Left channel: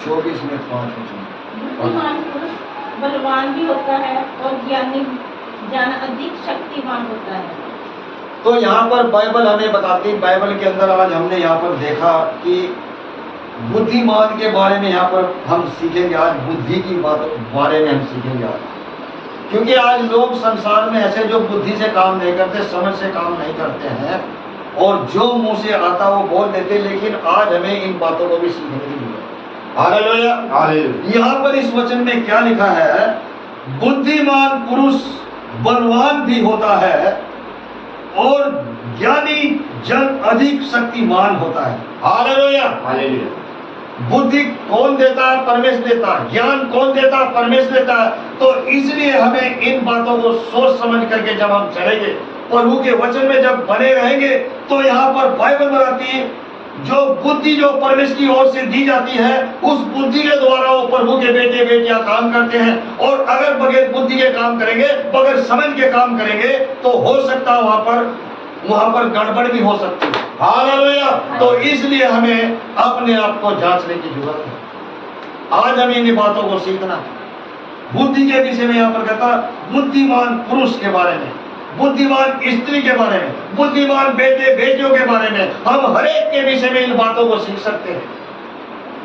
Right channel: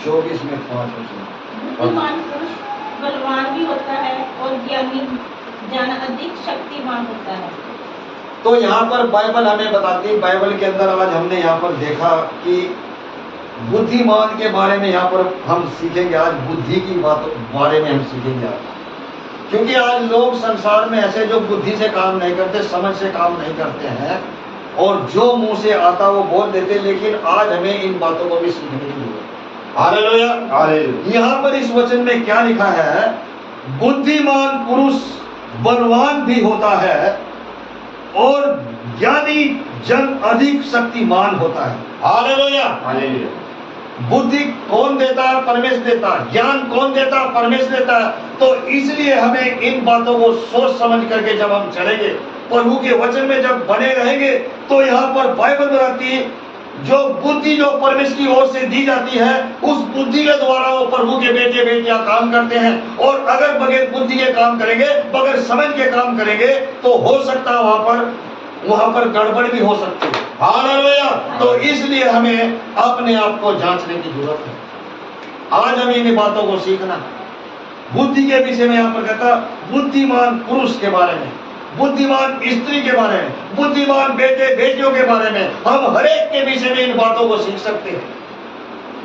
24 में 5 वचन। बुद्धिमान पुरुष बलवान भी होता है और ज्ञानी ज्ञान अधिक शक्तिमान होता है। तो यहाँ पर बाइबल हमें बताती, बाइबल के अंदर आज हमने यहाँ पर देखा कि बुद्धिमान के बारे में यहाँ पर हम सीखेंगे आज, बुद्धि की बात बारे में हम सीखेंगे आज। क्योंकि आज लोग संसार में ऐसे जो बुद्धि से काम नहीं करते, समझ से काम नहीं करते हैं और जो मुंह से आता वो बोल देते, लेकिन आज हमें इन बातों को भी सीखने की जरूरत है। हालेलुया। यहाँ पर इस वचन में क्या लिखा है? बुद्धिमान पुरुष बलवान भी होता है और ज्ञानी जन अधिक शक्तिमान होता है। हालेलुया। हालेलुया। बुद्धि कौन देता है? परमेश्वर देता है। ज्ञान कौन देता है? परमेश्वर देता है। तो इसलिए हमें इन बातों को सोच समझ करके जब हम चलेंगे, प्रभु के वचन में जब बने रहेंगे, तो यहाँ पर बाइबल बताती है जो बुद्धि जो परमेश्वर की ओर से दी जाती है, उस बुद्धि के द्वारा वो प्रभु के बेटे बेटियां काम करते हैं। और अगर बगैर बुद्धि के काम करेंगे, बगैर समझ के काम करेंगे, तो हो सकता है वहां पर गड़बड़ भी हो सकती है। हालेलुया। तो इसलिए हमें अपने आप को जांचने की जरूरत है। आज हमें इन बातों को सीखना। बुद्धि के विषय में यहाँ पर कहता बुद्धिमान पुरुष के बारे में, बुद्धिमान स्त्री के बारे में, बुद्धिमान बेटे बेटियों के बारे में, हम हर एक के विषय में इन बातों को सीख सकते हैं।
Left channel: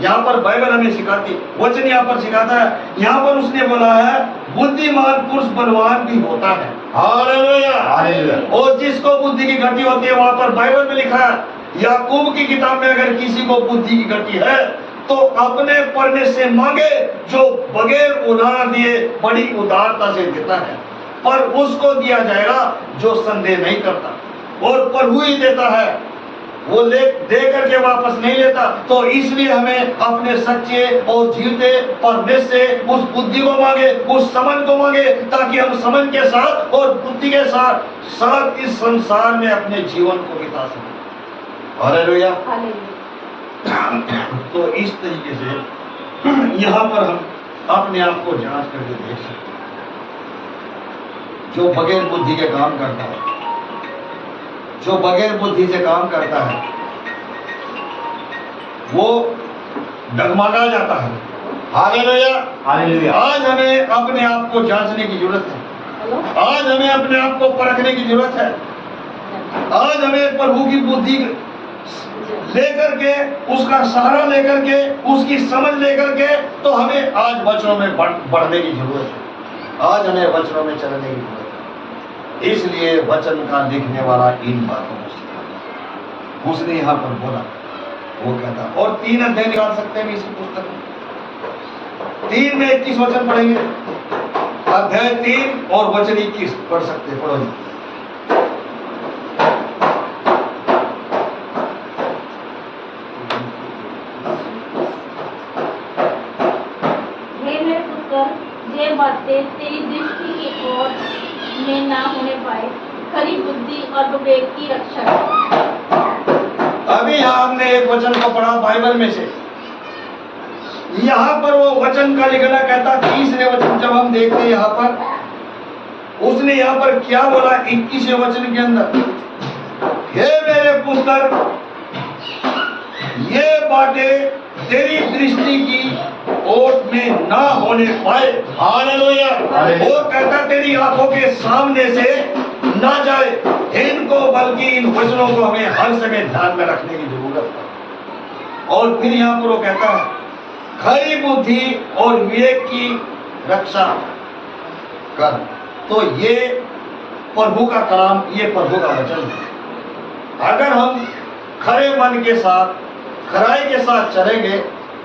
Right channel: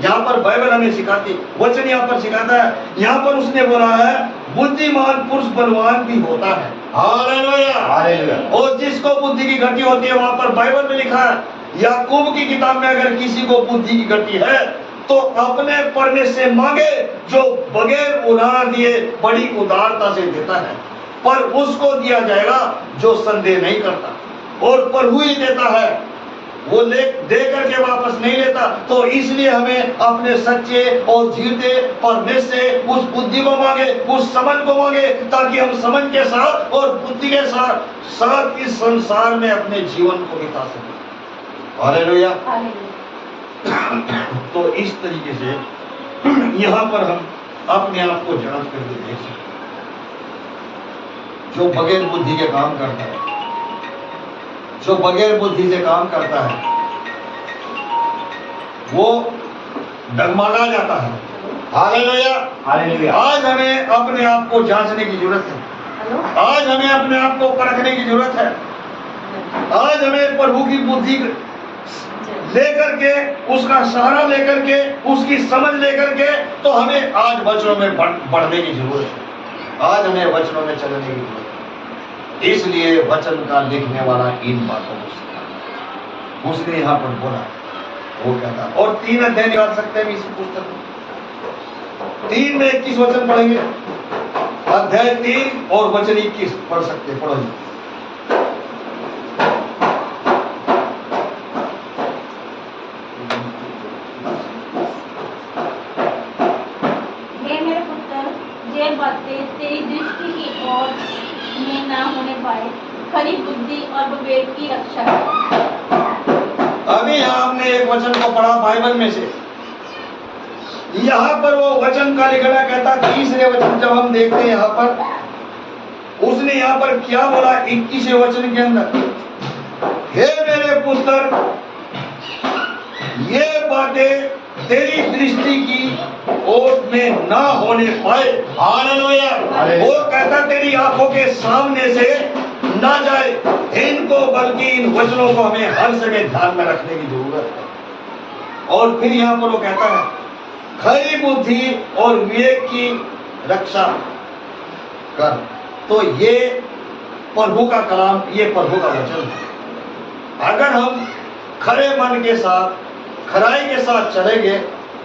यहाँ पर बाइबल हमें सिखाती, वचन यहाँ पर सिखाता है। यहाँ पर उसने बोला है बुद्धिमान पुरुष बलवान भी होता है। हालेलुया। हालेलुया। और जिसको बुद्धि की घटी होती है, वहां पर बाइबल में लिखा है, याकूब की किताब में अगर किसी को बुद्धि की घटी है तो अपने परमेश्वर से मांगे, जो बगैर उधार दिए बड़ी उदारता से देता है, पर उसको दिया जाएगा जो संदेह नहीं करता। और प्रभु ही देता है, वो दे करके वापस नहीं लेता। तो इसलिए हमें अपने सच्चे और जीते परमेश्वर से उस बुद्धि को मांगे, उस समझ को मांगे, ताकि हम समझ के साथ और बुद्धि के साथ इस संसार में अपने जीवन को बिता सकें। हालेलुया। तो इस तरीके से यहाँ पर हम अपने आप को जांच करके देख सकते हैं। जो बगैर बुद्धि के काम करता है, जो बगैर बुद्धि से काम करता है, वो डगमगा जाता है। हालेलुया। हालेलुया। आज हमें अपने आप को जांचने की जरूरत है। आज हमें अपने आप को परखने की जरूरत है। आज हमें प्रभु की बुद्धि लेकर के, उसका सहारा लेकर के, उसकी समझ लेकर के, तो हमें आज वचनों में बढ़ने की जरूरत है। आज हमें वचनों में चलने की जरूरत है। इसलिए वचन का लिखने वाला इन बातों को सिखा, उसने यहाँ पर बोला, वो कहता। और 3 अध्याय निकाल सकते हैं इसी पुस्तक में। 3 में 21 वचन पढ़ेंगे, अध्याय 3 और वचन 21 पढ़ सकते हैं। पढ़ो जी। बातें तेरी दृष्टि की ओर में ना होने पाए, खरी बुद्धि और विवेक की रक्षा कर। अभी यहाँ हमने एक वचन को पढ़ा बाइबल में से, यहाँ पर वो वचन का लिखना कहता, तीसरे वचन जब हम देखते हैं यहाँ पर, उसने यहाँ पर क्या बोला 21वें वचन के अंदर, हे मेरे पुत्र, ये बातें तेरी दृष्टि की ओर में ना होने पाए। हालेलुया। वो कहता तेरी आंखों के सामने से ना जाए, इनको बल्कि इन वचनों को हमें हर समय ध्यान में रखने की जरूरत है। और फिर यहाँ पर वो कहता है खरी बुद्धि और विवेक की रक्षा कर। तो ये प्रभु का कलाम, ये प्रभु का वचन है। अगर हम खरे मन के साथ, खराई के साथ चलेंगे,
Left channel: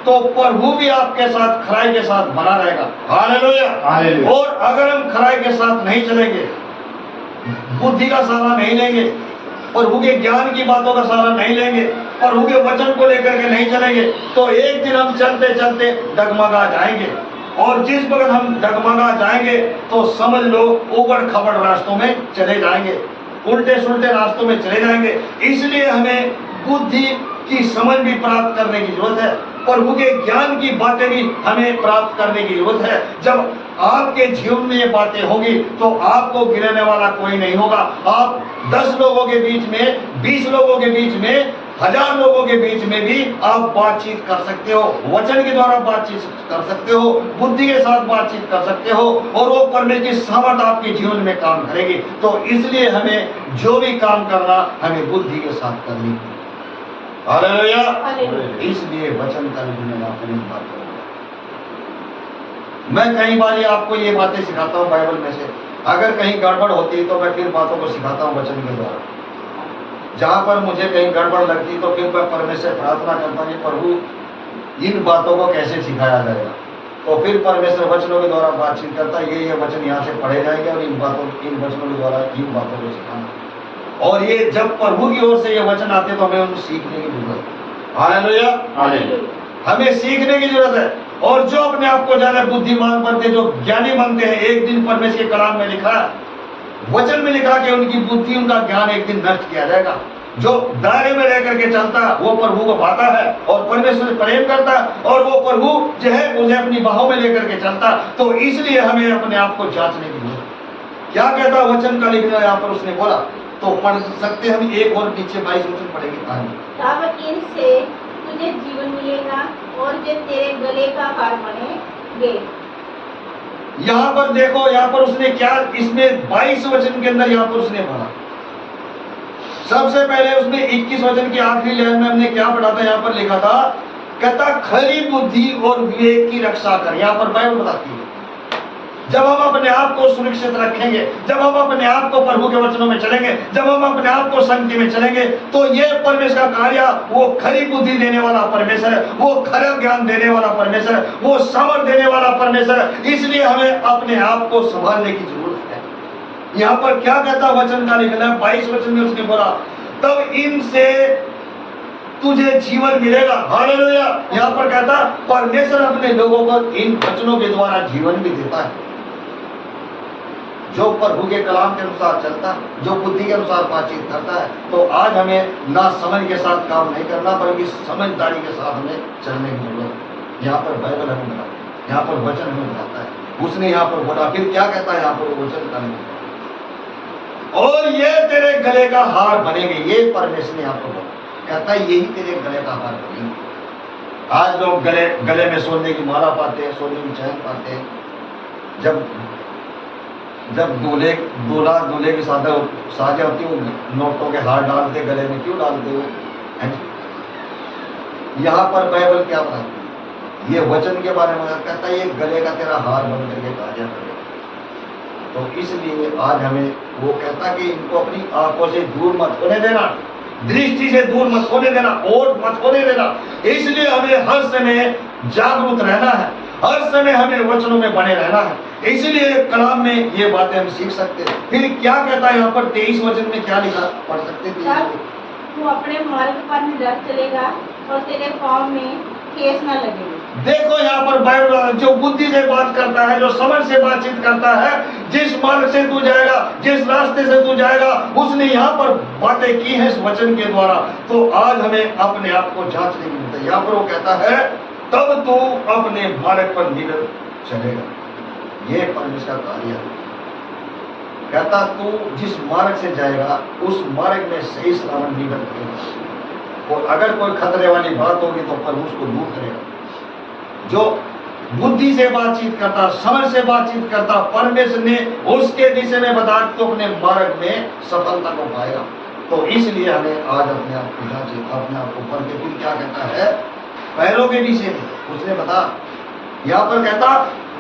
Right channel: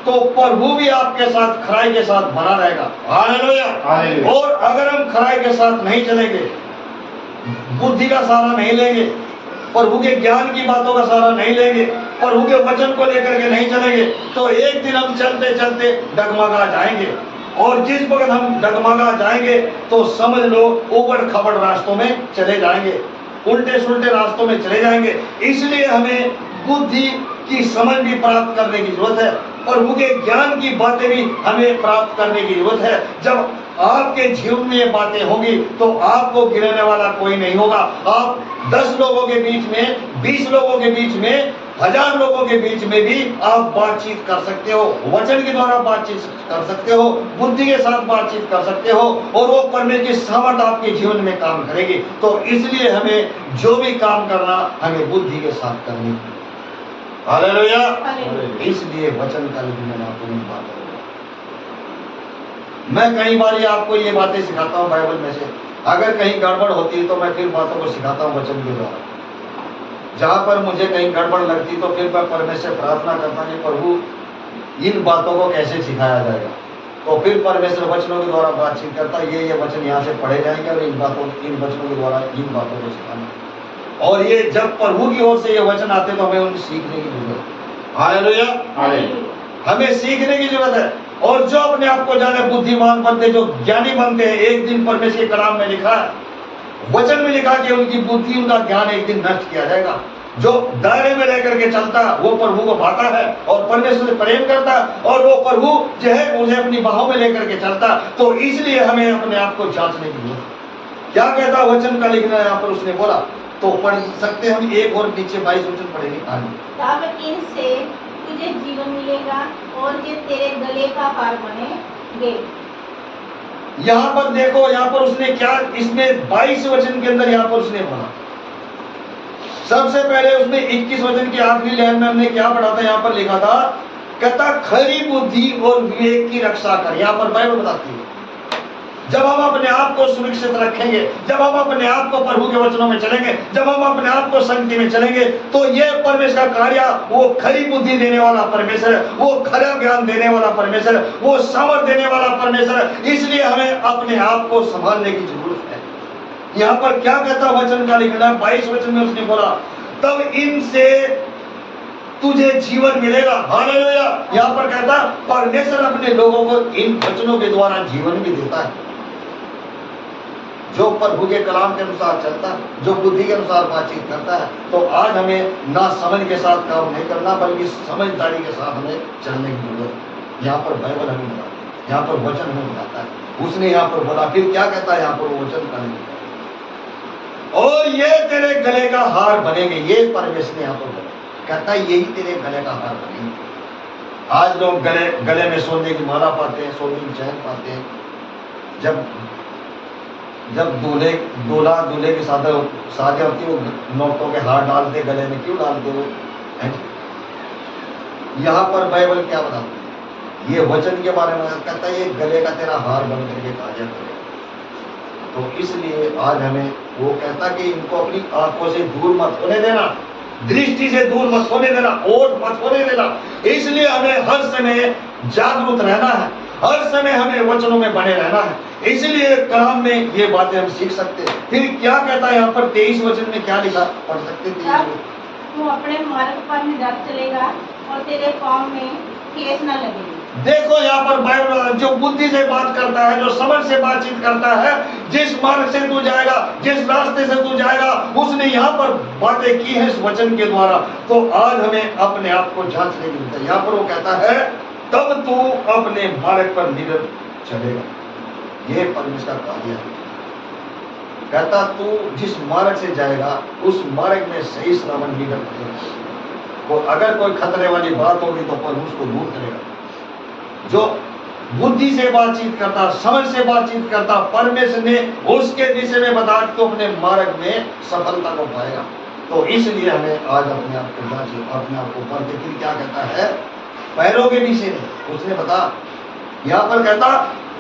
तो प्रभु भी आपके साथ खराई के साथ बना रहेगा। हालेलुया। और अगर हम खराई के साथ नहीं चलेंगे, बुद्धि का सहारा नहीं लेंगे, प्रभु के ज्ञान की बातों का सहारा नहीं लेंगे, प्रभु के वचन को लेकर के नहीं चलेंगे, तो एक दिन हम चलते चलते डगमगा जाएंगे। और जिस वक्त हम डगमगा जाएंगे तो समझ लो उबड़ खबड़ रास्तों में चले जाएंगे, उल्टे सुल्टे रास्तों में चले जाएंगे। इसलिए हमें बुद्धि की समझ भी प्राप्त करने की जरूरत है, प्रभु के ज्ञान की बातें भी हमें प्राप्त करने की जरूरत है। जब आपके जीवन में ये बातें होंगी तो आपको गिराने वाला कोई नहीं होगा। आप 10 लोगों के बीच में, 20 लोगों के बीच में 1000 लोगों के बीच में भी आप बातचीत कर सकते हो, वचन के द्वारा बातचीत कर सकते हो, बुद्धि के साथ बातचीत कर सकते हो, और वो परमेश्वर की सामर्थ आपके जीवन में काम करेगी। तो इसलिए हमें जो भी काम करना हमें बुद्धि के साथ करनी। हालेलुया। इसलिए वचन का लिखने में अपनी बात करूंगा। मैं कई बार आपको ये बातें सिखाता हूँ बाइबल में से, अगर कहीं गड़बड़ होती है तो मैं फिर बातों को सिखाता हूँ वचन के द्वारा। जहां पर मुझे कहीं गड़बड़ लगती तो फिर मैं परमेश्वर से प्रार्थना करता कि प्रभु इन बातों को कैसे सिखाया जाएगा। तो फिर परमेश्वर वचनों के द्वारा बातचीत करता, ये वचन यहाँ से पढ़े जाएंगे और इन वचनों के द्वारा इन बातों को सिखाना। और ये जब प्रभु की ओर से ये वचन आते तो हमें उनको सीखने की जरूरत है। हालेलुया। हमें सीखने की जरूरत है। और जो अपने आप को ज्यादा बुद्धिमान बनते, जो ज्ञानी बनते हैं, एक दिन परमेश्वर के कलाम में लिखा है, वचन में लिखा कि उनकी बुद्धि, उनका ज्ञान एक दिन नष्ट किया जाएगा। जो दायरे में रह करके चलता वो प्रभु को पाता है और परमेश्वर से प्रेम करता, और वो प्रभु जो है उन्हें अपनी बाहों में लेकर के चलता। तो इसलिए हमें अपने आप को जांचने की जरूरत है। क्या कहता वचन का लिखना यहाँ पर उसने बोला, तो पढ़ सकते हम एक और नीचे 22 वचन पढ़ेंगे। तब इनसे तुझे जीवन मिलेगा और जो तेरे गले का हार बनेंगे। यहाँ पर देखो, यहाँ पर उसने क्या, इसमें 22 वचन के अंदर यहाँ पर उसने बोला। सबसे पहले उसने 21 वचन की आखिरी लाइन में हमने क्या पढ़ा था, यहाँ पर लिखा था, कहता खरी बुद्धि और विवेक की रक्षा कर। यहाँ पर बाइबल बताती है जब हम अपने आप को सुरक्षित रखेंगे, जब हम अपने आप को प्रभु के वचनों में चलेंगे, जब हम अपने आप को संगति में चलेंगे, तो ये परमेश्वर का कार्य, वो खरी बुद्धि देने वाला परमेश्वर है, वो खरा ज्ञान देने वाला परमेश्वर है, वो समर्थ देने वाला परमेश्वर है। इसलिए हमें अपने आप को संभालने की जरूरत है। यहाँ पर क्या कहता वचन का लिखना है, 22 वचन में उसने बोला तब इनसे तुझे जीवन मिलेगा। हालेलुया। यहाँ पर कहता परमेश्वर अपने लोगों को इन वचनों के द्वारा जीवन भी देता है। जो प्रभु के कलाम के अनुसार चलता, जो बुद्धि के अनुसार बातचीत करता है, तो आज हमें ना समझ के साथ काम नहीं करना, बल्कि समझदारी के साथ हमें चलने की जरूरत है। यहाँ पर बाइबल हमें बताता है, यहाँ पर वचन हमें बताता है। उसने यहाँ पर बोला, फिर क्या कहता है यहाँ पर वचन का नहीं, और ये तेरे गले का हार बनेंगे। ये परमेश्वर ने यहाँ पर बोला, कहता है यही तेरे गले का हार बनेंगे। आज लोग गले में सोने की माला पाते हैं, सोने की चैन पाते हैं। जब दूल्हे की शादी होती है, वो नोटों के हार डालते गले में। क्यों डालते वो? यहाँ पर बाइबल क्या बताती है, ये वचन के बारे में कहता है ये गले का तेरा हार बन करके कार्य करेगा। तो इसलिए आज हमें वो कहता कि इनको अपनी आंखों से दूर मत होने देना, दृष्टि से दूर मत होने देना, ओट मत होने देना। इसलिए हमें हर समय जागरूक रहना है, हर समय हमें वचनों में बने रहना है। इसलिए कलाम में ये बातें हम सीख सकते हैं। फिर क्या कहता है यहाँ पर 23 वचन में क्या लिखा, पढ़ सकते हैं। तू अपने मार्ग पर निडर चलेगा और तेरे पाँव में ठेस न लगेगी। देखो यहाँ पर बाइबल जो बुद्धि से बात करता है, जो समझ से बातचीत करता है, जिस मार्ग से तू जाएगा, जिस रास्ते से तू जाएगा, उसने यहाँ पर बातें की है इस वचन के द्वारा। तो आज हमें अपने आप को जांचने की जरूरत है। यहाँ पर वो कहता है तब तू अपने मार्ग पर निडर चलेगा। ये परमेश्वर का कार्य है। कहता तू जिस मार्ग से जाएगा उस मार्ग में सही सलामत निडर करेगा, और अगर कोई खतरे वाली बात होगी तो पर उसको दूर करेगा। जो बुद्धि से बातचीत करता, समझ से बातचीत करता, परमेश्वर ने उसके दिशा में बता तो अपने मार्ग में सफलता को पाएगा। तो इसलिए हमें आज अपने आप को जांचे, अपने आप को पढ़ के। फिर क्या कहता है पैरों के विषय में उसने बता, यहाँ पर कहता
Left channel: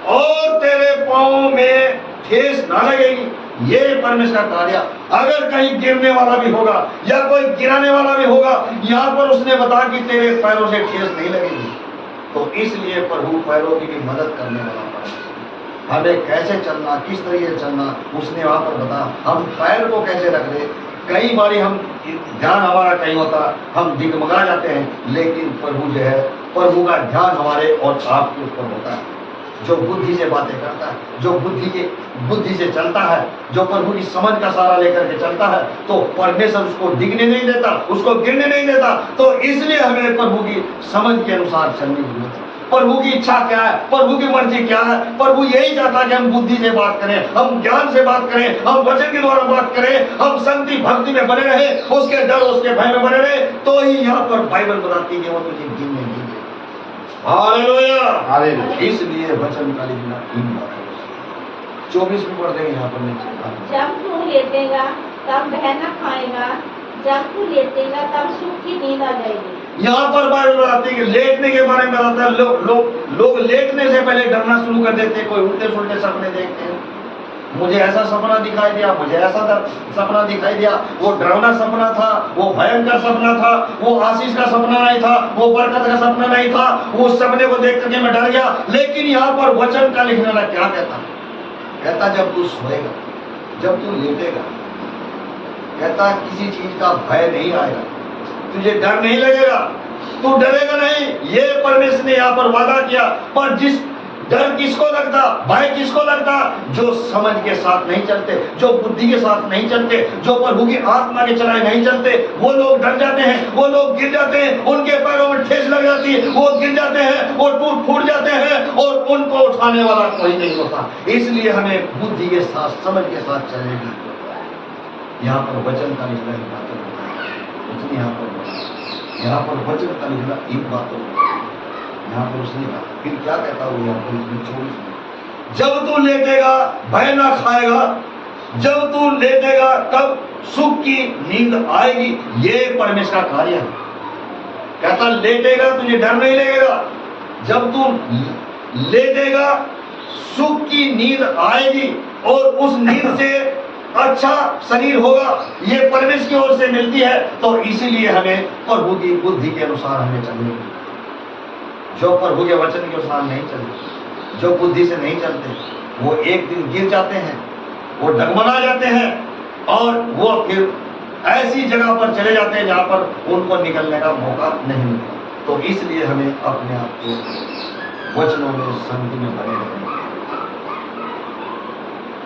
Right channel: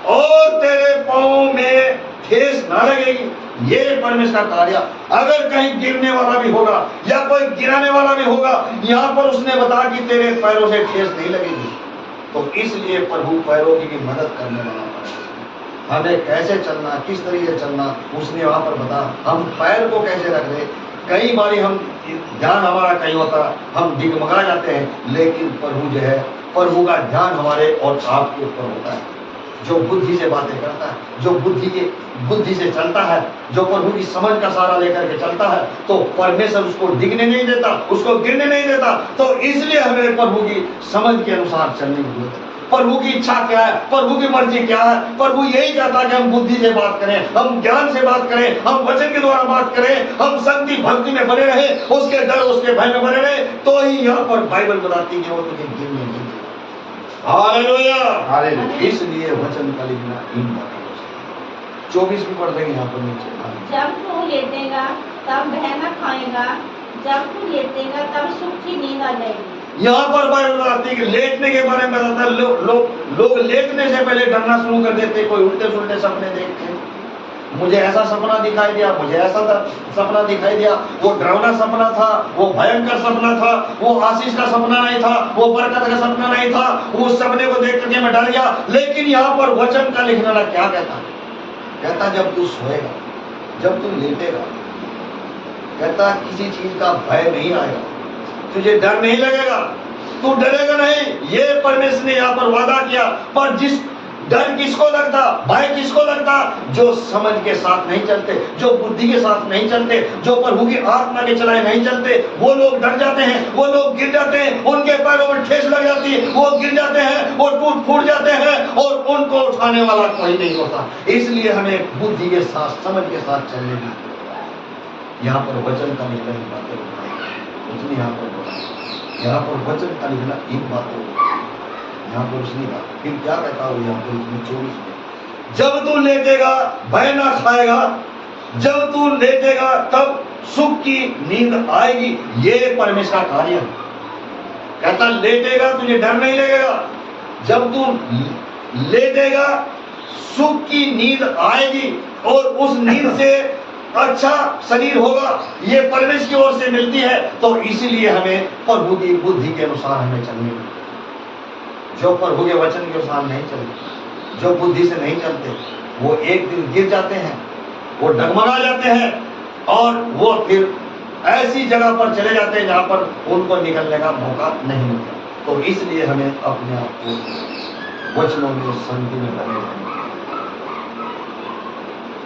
और तेरे पाँव में ठेस ना लगेगी। ये परमेश्वर का कार्य। अगर कहीं गिरने वाला भी होगा या कोई गिराने वाला भी होगा, यहाँ पर उसने बता कि तेरे पैरों से ठेस नहीं लगेगी। तो इसलिए प्रभु पैरों की भी मदद करने वाला है। हमें कैसे चलना, किस तरीके से चलना, उसने वहां पर बता। हम पैर को कैसे रख ले। कई बार हम ध्यान हमारा कहीं होता, हम डिगमगा जाते हैं, लेकिन प्रभु जो है, प्रभु का ध्यान हमारे और आपके ऊपर होता है। जो बुद्धि से बातें करता है, जो बुद्धि से चलता है, जो प्रभु की समझ का सहारा लेकर के चलता है, तो परमेश्वर उसको डिगने नहीं देता, उसको गिरने नहीं देता। तो इसलिए हमें प्रभु की समझ के अनुसार चलने की जरूरत है। प्रभु की इच्छा क्या है, प्रभु की मर्जी क्या है। प्रभु यही चाहता है कि हम बुद्धि से बात करें, हम ज्ञान से बात करें, हम वचन के द्वारा बात करें, हम संगति भक्ति में बने रहे, उसके डर उसके भय में बने रहे। तो ही यहाँ पर बाइबल बताती है कि वो तुझे गिनने नहीं देगा। हालेलुया। इसलिए वचन का लिखना इन बातों 24 में पढ़ देंगे यहाँ पर नीचे। जब तू लेटेगा तब वह न खाएगा, जब तू लेटेगा तब सुख की नींद आ जाएगी। यहाँ पर बाइबल बताती है कि लेटने के बारे में बताता है। लोग लेटने से पहले डरना शुरू कर देते, कोई उल्टे सुल्टे सपने देखते हैं। मुझे ऐसा सपना दिखाई दिया, मुझे ऐसा सपना दिखाई दिया, वो डरावना सपना था, वो भयंकर सपना था, वो आशीष का सपना नहीं था, वो बरकत का सपना नहीं था। उस सपने को देख करके मैं डर गया। लेकिन यहाँ पर वचन का लिखने वाला क्या कहता जब तू सोएगा, जब तू लेटेगा, कहता किसी चीज का भय नहीं आएगा, तुझे डर नहीं लगेगा, तू डरेगा नहीं। ये परमेश्वर ने यहाँ पर वादा किया। पर जिस डर किसको लगता, भय किसको लगता, जो समझ के साथ नहीं चलते, जो बुद्धि के साथ नहीं चलते, जो प्रभु की आत्मा के चलाए नहीं चलते, वो लोग डर जाते हैं, वो लोग गिर जाते हैं, उनके पैरों में ठेस लग जाती है, वो गिर जाते हैं, वो टूट फूट जाते हैं और उनको उठाने वाला कोई नहीं होता। इसलिए हमें बुद्धि के साथ, समझ के साथ चलने की यहाँ पर वचन का निकला इन बातों को उसने यहाँ पर बोला। यहाँ पर वचन का निकला इन बातों को यहाँ पर उसने कहा। फिर क्या कहता हो यहाँ पर उसने 24 में, जब तू लेटेगा भय ना खाएगा, जब तू लेटेगा तब सुख की नींद आएगी। ये परमेश्वर का कार्य है। कहता लेटेगा तुझे डर नहीं लगेगा, जब तू लेटेगा सुख की नींद आएगी और उस नींद से अच्छा शरीर होगा। ये परमेश्वर की ओर से मिलती है। तो इसीलिए हमें प्रभु की बुद्धि के अनुसार हमें चलने की। जो प्रभु के वचन के अनुसार नहीं चलते, जो बुद्धि से नहीं चलते, वो एक दिन गिर जाते हैं, वो डगमगा जाते हैं और वो फिर ऐसी जगह पर चले जाते हैं जहां पर उनको निकलने का मौका नहीं मिलता। तो इसलिए हमें अपने आप को वचनों में संगति में बने रहने,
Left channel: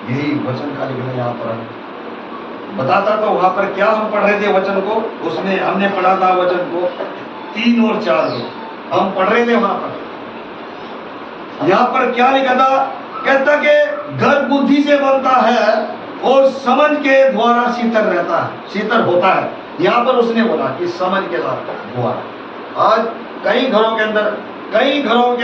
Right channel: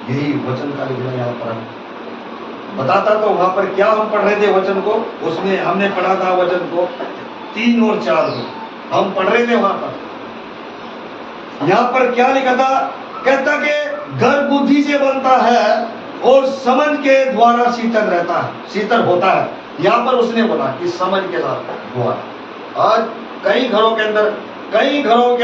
यही वचन का लिखना यहाँ पर बताता। तो वहां पर क्या हम पढ़ रहे थे वचन को, उसमें हमने पढ़ा था वचन को 3 और 4 को हम पढ़ रहे थे। वहां पर यहाँ पर क्या लिखा था, कहता कि घर बुद्धि से बनता है और समझ के द्वारा शीतल रहता है, शीतल होता है। यहाँ पर उसने बोला कि समझ के साथ हुआ। आज कई घरों के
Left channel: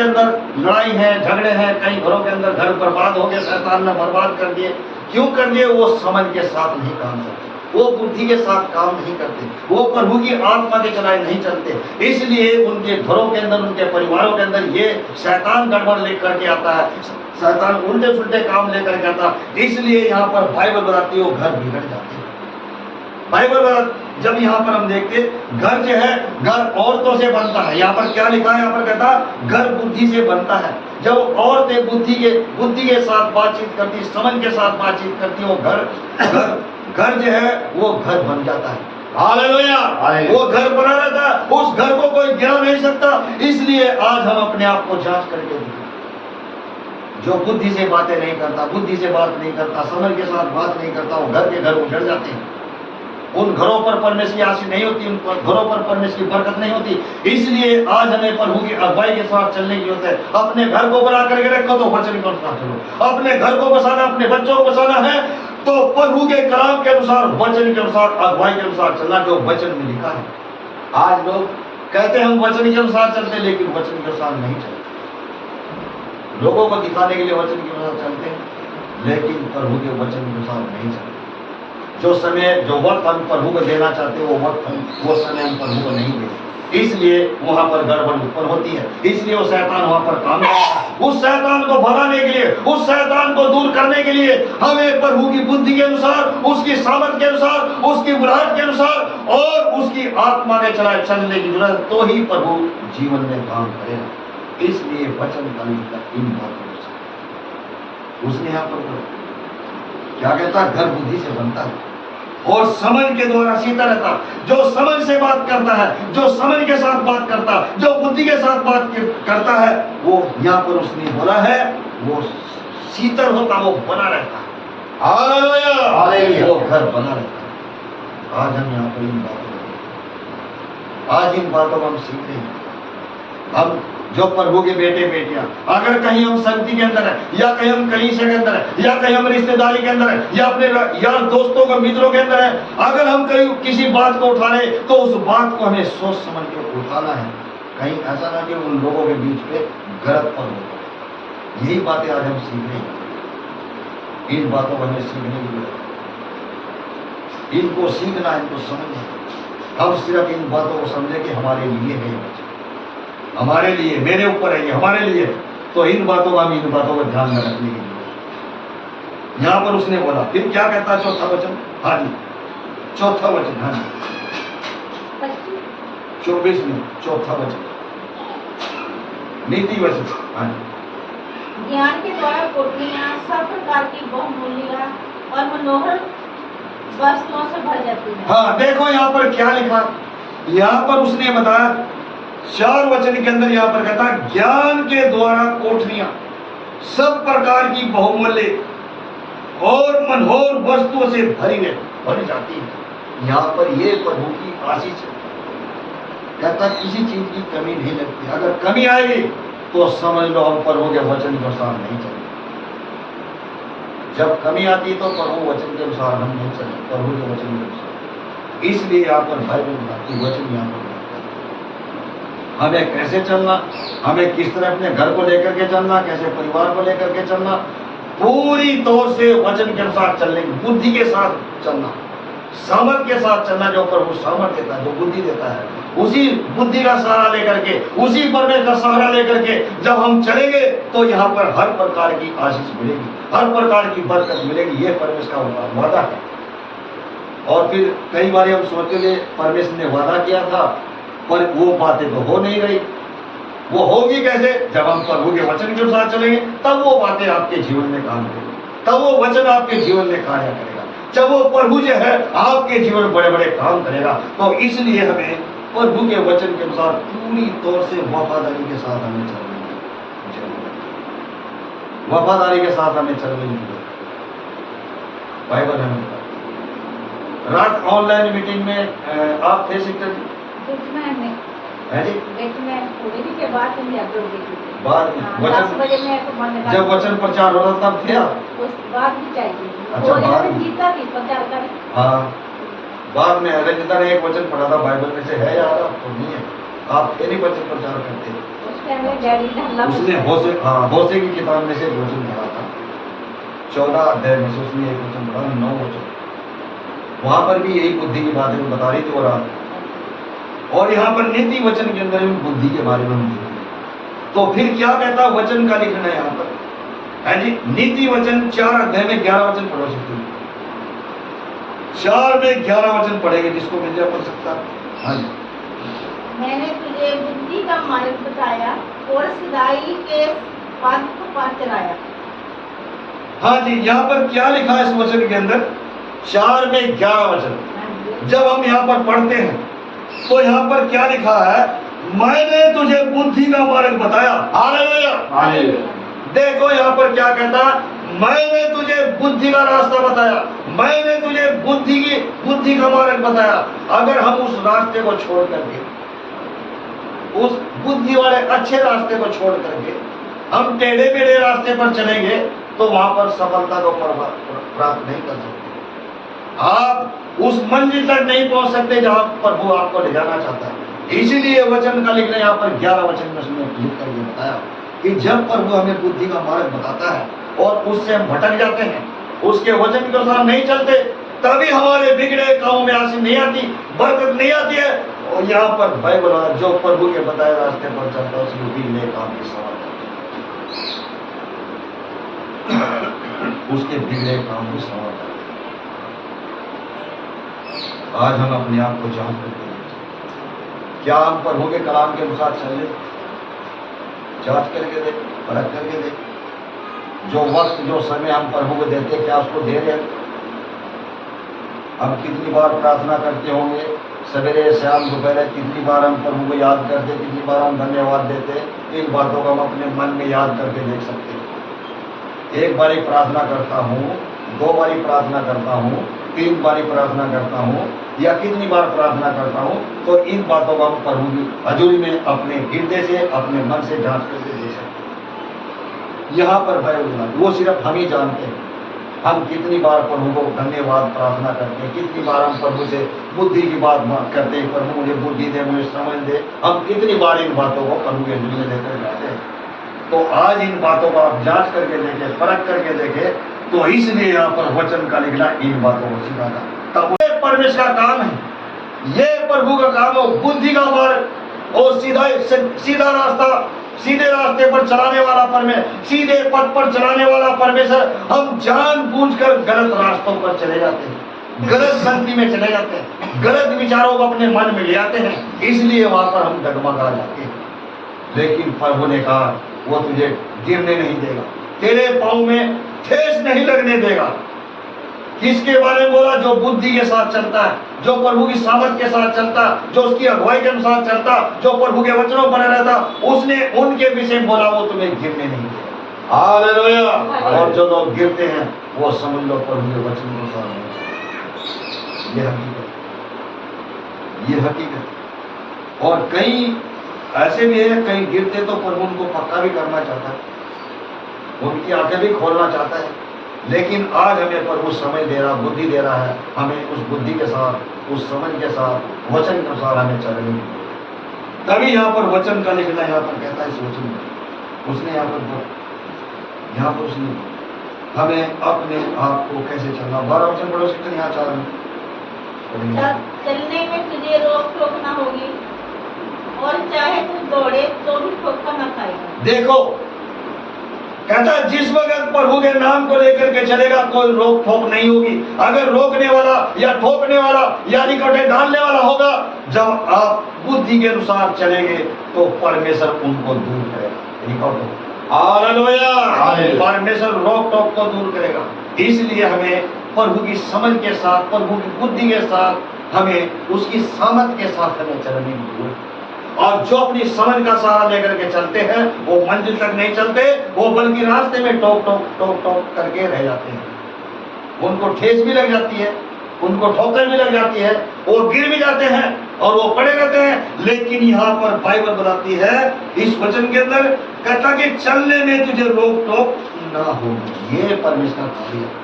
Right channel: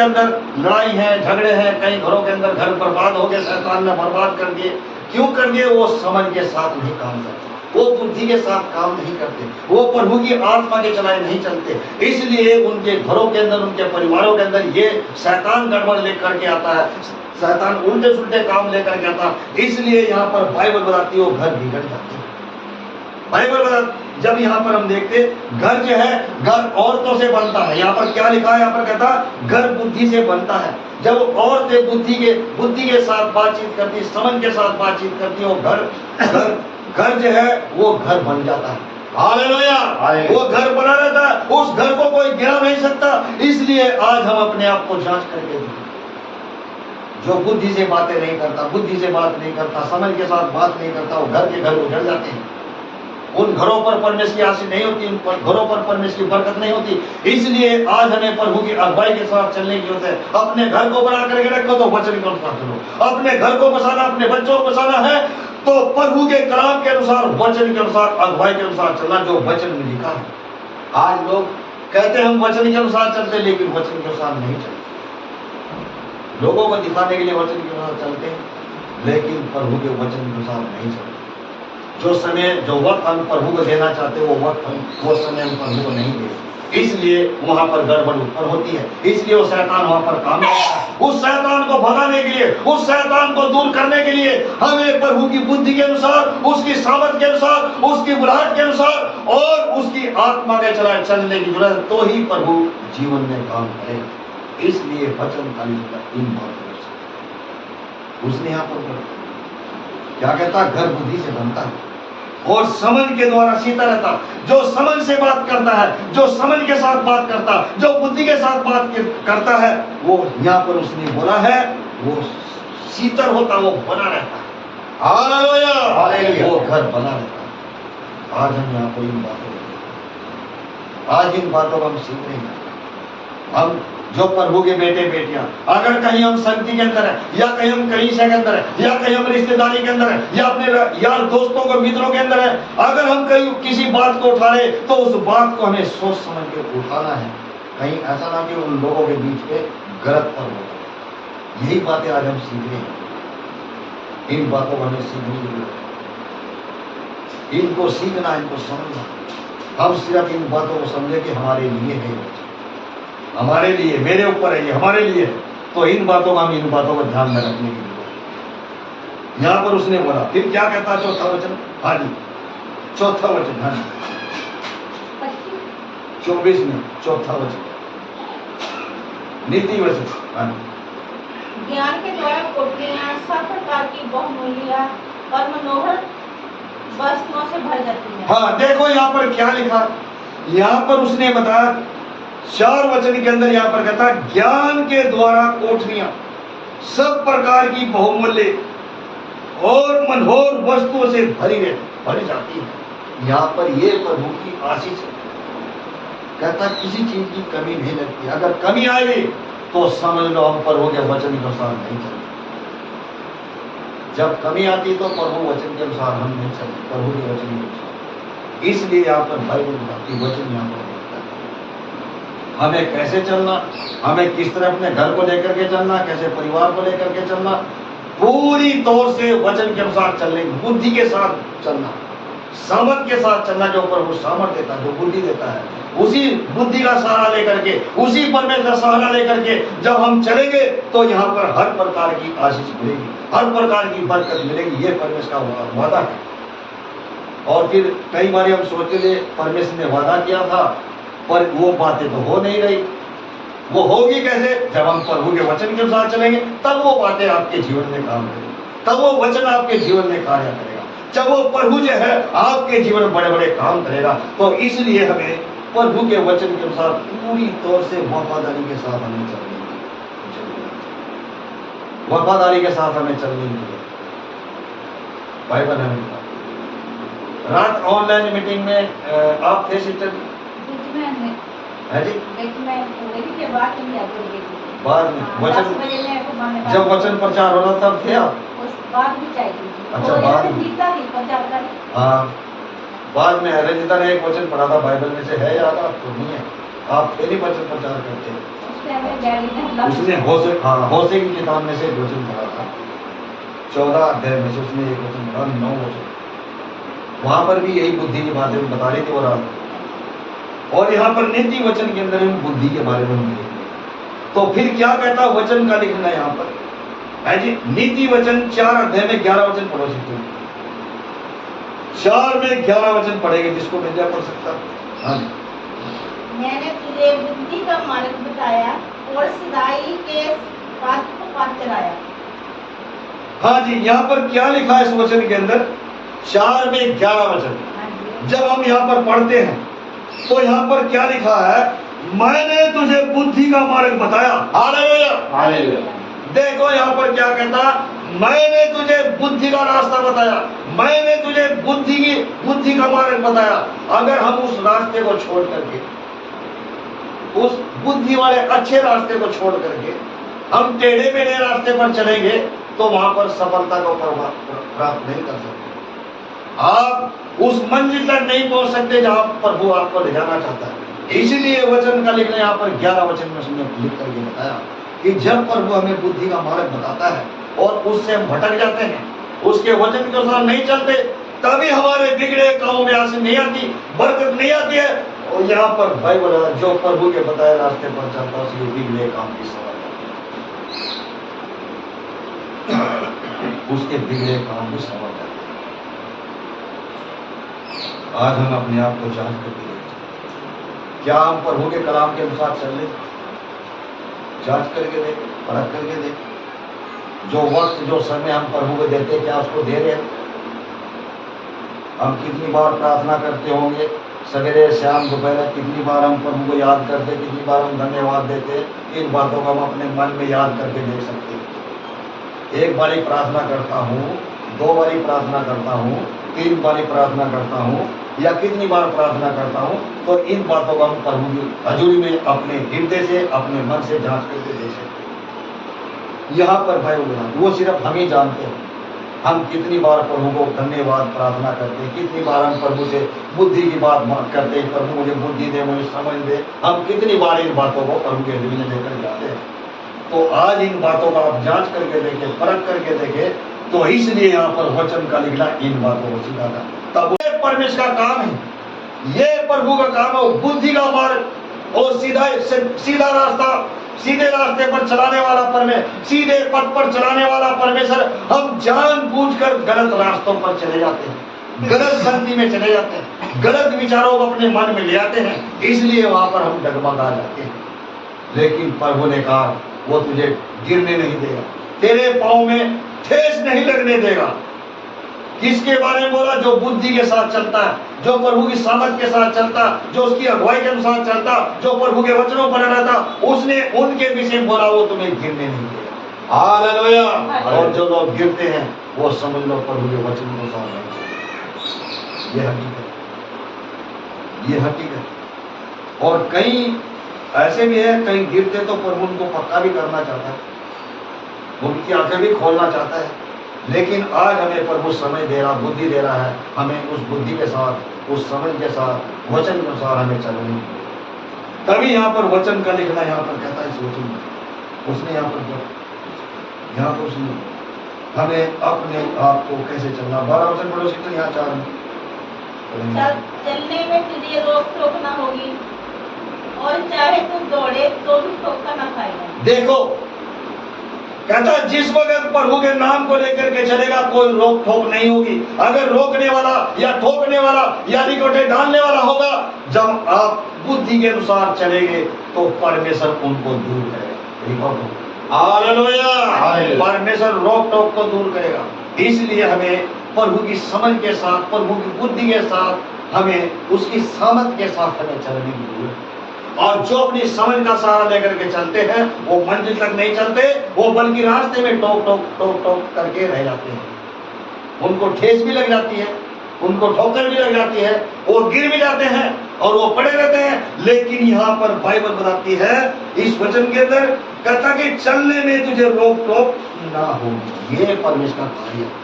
अंदर लड़ाई है, झगड़े हैं, कई घरों के अंदर घर बर्बाद हो गए, शैतान ने बर्बाद कर दिए। क्यों कर दिए? वो समझ के साथ नहीं काम करते, वो बुद्धि के साथ काम नहीं करते, वो प्रभु की आत्मा के चलाए नहीं चलते। इसलिए उनके घरों के अंदर, उनके परिवारों के अंदर ये शैतान गड़बड़ लेकर के आता है, शैतान उल्टे सुल्टे काम लेकर के आता है। इसलिए यहाँ पर बाइबल बताती है वो घर बिगड़ जाते हैं। बाइबल जब यहाँ पर हम देखते, घर जो है घर औरतों से बनता है। यहाँ पर क्या लिखा है, यहाँ पर कहता घर बुद्धि से बनता है। जब औरतें बुद्धि के साथ बातचीत करती, समझ के साथ बातचीत करती, वो घर जो है वो घर बन जाता है। हालेलुया, वो घर बना रहता है, उस घर को कोई गिरा नहीं सकता। इसलिए आज हम अपने आप को जांच करके देखें। जो बुद्धि से बातें नहीं करता, बुद्धि से बात नहीं करता, समझ के साथ बात नहीं करता, वो घर के घर उजड़ जाते हैं। उन घरों पर परमेश्वर की आशीष नहीं होती, उन घरों पर परमेश्वर की बरकत नहीं होती। इसलिए आज हमें प्रभु की अगुवाई के साथ चलने की जरूरत है। अपने घर को बना करके रखो तो वचन के अनुसार चलो। अपने घर को बसाना, अपने बच्चों को बसाना है तो प्रभु के कलाम के अनुसार, वचन के अनुसार, अगुवाई के अनुसार चलना, जो वचन में लिखा है। आज लोग कहते हैं हम वचन के अनुसार चलते, लेकिन वचन के अनुसार नहीं चलते। लोगों को दिखाने के लिए वचन के अनुसार चलते हैं, लेकिन प्रभु के वचन के अनुसार नहीं चलते। जो समय, जो वक्त हम प्रभु को देना चाहते, वो समय हम प्रभु को नहीं देते। इसलिए वहां पर गड़बड़ उत्पन्न होती है। इसलिए वो शैतान वहां पर काम करता है। उस शैतान को भगाने के लिए, उस शैतान को दूर करने के लिए हमें प्रभु की बुद्धि के अनुसार, उसकी सामर्थ के अनुसार, उसकी बुलाहट के अनुसार और उसकी आत्मा के चलाए चलने की जरूरत। तो ही प्रभु जीवन में काम करेगा। इसलिए वचन का इन बातों उसने यहाँ पर क्या कहता, घर बुद्धि से बनता है और समझ के द्वारा शीतल रहता। जो समझ से बात करता है, जो समझ के साथ बात करता, जो बुद्धि के साथ बात करता है, वो यहाँ पर उसने बोला है वो शीतल होता, वो बना रहता है। हालेलुया, वो घर बना रहता है। आज हम यहाँ पर इन बातों को हम सीख रहे हैं। हम जो प्रभु के बेटे बेटियां, अगर कहीं हम संगति के अंदर है, या कहीं हम कलीसिया के अंदर है, या कहीं हम रिश्तेदारी के अंदर है, या अपने यार दोस्तों को मित्रों के अंदर है, अगर हम कहीं किसी बात को उठा रहे तो उस बात को हमें सोच समझ के उठाना है, कहीं ऐसा ना कि उन लोगों के बीच पे गलत पर हो। यही बातें आज हम सीख रहे हैं, इन बातों को हमें सीखने की जरूरत है, इनको सीखना, इनको समझना। हम सिर्फ इन बातों को समझे कि हमारे लिए है, हमारे लिए, मेरे ऊपर है, ये हमारे लिए, तो इन बातों का, हम इन बातों को ध्यान में रखने की जरूरत। यहां पर उसने बोला, फिर क्या कहता है चौथा वचन? हाँ जी, चौथा वचन, हाँ जी 24 में चौथा वचन, नीति वचन। हाँ जी, ज्ञान के द्वारा कोठरियां सब प्रकार की बहुमूल्य और मनोहर वस्तुओं से भर जाती है। हाँ देखो यहाँ पर क्या लिखा, यहाँ पर उसने बताया 4 वचन के अंदर, यहाँ पर कहता है ज्ञान के द्वारा कोठरियां सब प्रकार की बहुमूल्य और मनोहर वस्तुओं से भरी जाती है। यहाँ पर ये प्रभु की आशीष है, कहता किसी चीज की कमी नहीं लगती। अगर कमी आएगी तो समझ लो हम प्रभु के वचन के अनुसार नहीं चलते। जब कमी आती तो प्रभु वचन के अनुसार हम नहीं चलते, प्रभु के वचन के अनुसार। इसलिए यहाँ पर बाइबल बताती, वचन यहाँ पर हमें कैसे चलना, हमें किस तरह अपने घर को लेकर के चलना, कैसे परिवार को लेकर के चलना, पूरी तौर से वचन के अनुसार चलने, बुद्धि के साथ चलना, सामर्थ के साथ चलना। जो प्रभु सामर्थ देता है, जो बुद्धि देता है, उसी बुद्धि का सहारा लेकर के, उसी परमेश्वर का सहारा लेकर के जब हम चलेंगे तो यहाँ पर हर प्रकार की आशीष मिलेगी, हर प्रकार की बरकत मिलेगी। ये परमेश्वर का वादा है। और फिर कई बार हम सोचते थे परमेश्वर ने वादा किया था, पर वो बातें तो हो नहीं रही। वो होगी कैसे? जब हम प्रभु के वचन के अनुसार चलेंगे, तब वो बातें आपके जीवन में काम करेंगी, तब वो वचन आपके जीवन में कार्य करेगा, जब वो प्रभु जो है आपके जीवन में बड़े बड़े काम करेगा। तो इसलिए हमें प्रभु के वचन के अनुसार पूरी तौर से वफादारी के साथ हमें चलने की, वफादारी के साथ हमें चलने की बाइबल हमें। रात ऑनलाइन मीटिंग में आप थे सिस्टर जी? है जी, बाद में वचन, जब वचन प्रचार हो रहा तब थे आप? अच्छा, बाद, हाँ बाद में रंजिता ने एक वचन पढ़ा था बाइबल में से, है याद आपको? नहीं है, आप थे नहीं वचन प्रचार करते। उसने होशे की किताब में से एक वचन पढ़ा था, 14 अध्याय में से उसने एक वचन पढ़ा, 9 वचन, वहां पर भी यही बुद्धि की बातें बता रही थी। और यहाँ पर नीति वचन के अंदर भी बुद्धि के बारे में हम देखेंगे। तो फिर क्या कहता वचन का लिखना है यहाँ पर, है जी? नीति वचन 4 अध्याय में 11 वचन पढ़ो सकते हैं, 4 में 11 वचन पढ़ेंगे, जिसको मिल जाए पढ़ सकता। हाँ जी, मैंने तुझे बुद्धि का मार्ग बताया और सिधाई के पथ पर चलाया। हाँ जी, यहाँ पर क्या लिखा है इस वचन के अंदर? 4 में 11 वचन जब हम यहाँ पर पढ़ते हैं तो यहाँ पर क्या लिखा है? मैंने तुझे बुद्धि का मार्ग बताया। हालेलुया। देखो यहाँ पर क्या कहता, मैंने तुझे बुद्धि का रास्ता बताया, मैंने तुझे बुद्धि का मार्ग बताया। अगर हम उस रास्ते को छोड़ करके, उस बुद्धि वाले अच्छे रास्ते को छोड़ करके हम टेढ़े मेढ़े रास्ते पर चलेंगे तो वहां पर सफलता को प्राप्त नहीं कर सकते। आप उस मंजिल तक नहीं पहुंच सकते जहां प्रभु आपको ले जाना चाहता है। इसीलिए वचन का लिखना यहाँ पर 11 वचन में उसने लिख करके बताया कि जब प्रभु हमें बुद्धि का मार्ग बताता है और उससे हम भटक जाते हैं, उसके वचन के अनुसार नहीं चलते, तभी हमारे बिगड़े कामों में आशीष नहीं आती, बरकत नहीं आती है। और यहाँ पर बाइबल वाला जो प्रभु के बताए रास्ते पर चलता है उसके बिगड़े काम की सवाल, उसके बिगड़े काम की सवाल। आज हम अपने आप को जांच करके देखें, क्या हम प्रभु के कलाम के अनुसार चल रहे? जांच करके देख, परख करके देख। जो वक्त जो समय हम प्रभु को देते, क्या उसको दे रहे हैं? हम कितनी बार प्रार्थना करते होंगे, सवेरे शाम दोपहर, कितनी बार हम प्रभु को याद करते, कितनी बार हम धन्यवाद देते। इन बातों को हम अपने मन में याद करके देख सकते हैं। एक बारी प्रार्थना करता हूँ, 2 बारी प्रार्थना करता हूँ, 3 बारी प्रार्थना करता हूँ, या कितनी बार प्रार्थना करता हूँ, तो इन बातों को हम प्रभु की हजूरी में अपने हृदय से, अपने मन से जांच करके दे सकते हैं। यहाँ पर बाइबल वो सिर्फ हम ही जानते हैं हम कितनी बार प्रभु को धन्यवाद प्रार्थना करते हैं, कितनी बार हम प्रभु से बुद्धि की बात करते हैं, प्रभु मुझे बुद्धि दे, मुझे समझ दे। हम कितनी बार इन बातों को प्रभु के हजूरी में लेकर जाते हैं। तो आज इन बातों का आप जांच करके देखें, परख करके देखें। तो इसलिए यहाँ पर वचन का लिखना इन बातों को सिखाना, तब ये परमेश्वर का काम है, ये प्रभु का काम है। बुद्धि का मार्ग और सीधा रास्ता, सीधे रास्ते पर चलाने वाला परमेश्वर, सीधे पथ पर चलाने वाला परमेश्वर, हम जानबूझकर गलत रास्तों पर चले जाते हैं, गलत गलती में चले जाते हैं, गलत विचारों को अपने मन में ले आते हैं, इसलिए वहां पर हम डगमगा जाते हैं। लेकिन प्रभु ने कहा वो तुझे गिरने नहीं देगा, तेरे पांव में ठेस नहीं लगने देगा। किसके बारे में बोला? जो बुद्धि के साथ चलता है, जो प्रभु की सामर्थ के साथ चलता, जो उसकी अगुवाई के अनुसार चलता, जो प्रभु के वचनों पर रहता, उसने उनके विषय बोला वो तुम्हें गिरने नहीं देगा। हालेलुया। और जो लोग गिरते हैं वो समझ लो प्रभु के वचन के अनुसार नहीं चलते। ये हकीकत, ये हकीकत। और कई ऐसे भी है, कहीं गिरते तो प्रभु उनको पक्का भी करना चाहता है, उनकी आंखें भी खोलना चाहता है। लेकिन आज हमें प्रभु समय दे रहा, बुद्धि दे रहा है, हमें उस बुद्धि के साथ, उस समझ के साथ, वचन के अनुसार हमें चलनी है। तभी यहाँ पर वचन का लिखना यहाँ पर कहता है, इस वचन में उसने यहाँ पर उसने हमें अपने आप को कैसे चलना। 12 वचन पढ़ो सिर्फ यहाँ 4 में। चलने में तुझे रोक टोक ना होगी, और चाहे तू दौड़े तो भी ठोकर ना खाएगा। देखो कहता है जिस वक्त प्रभु के नाम को लेकर के चलेगा कोई रोक ठोक नहीं होगी। अगर रोकने वाला या ठोकने वाला या निकोटे डालने वाला होगा, जब आप बुद्धि के अनुसार चलेंगे तो परमेश्वर उनको दूर करेगा। हालेलुया। परमेश्वर रोक टोक को दूर करेगा। इसलिए हमें प्रभु की समझ के साथ, प्रभु की बुद्धि के साथ, हमें उसकी सामर्थ के साथ हमें चलने की जरूरत है। और जो अपनी समझ का सहारा लेकर के चलते हैं वो मंजिल तक नहीं चलते, वो बल्कि रास्ते में टोक टोक टोक टोक करके रह जाते हैं। उनको ठेस भी लग जाती है, उनको ठोकर भी लग जाती है, वो गिर भी जाते हैं और वो पड़े रहते हैं। लेकिन यहाँ पर बाइबल बताती है इस वचन के अंदर, कहता कि चलने में तुझे रोक टोक ना हो। ये परमेश्वर का कार्य है।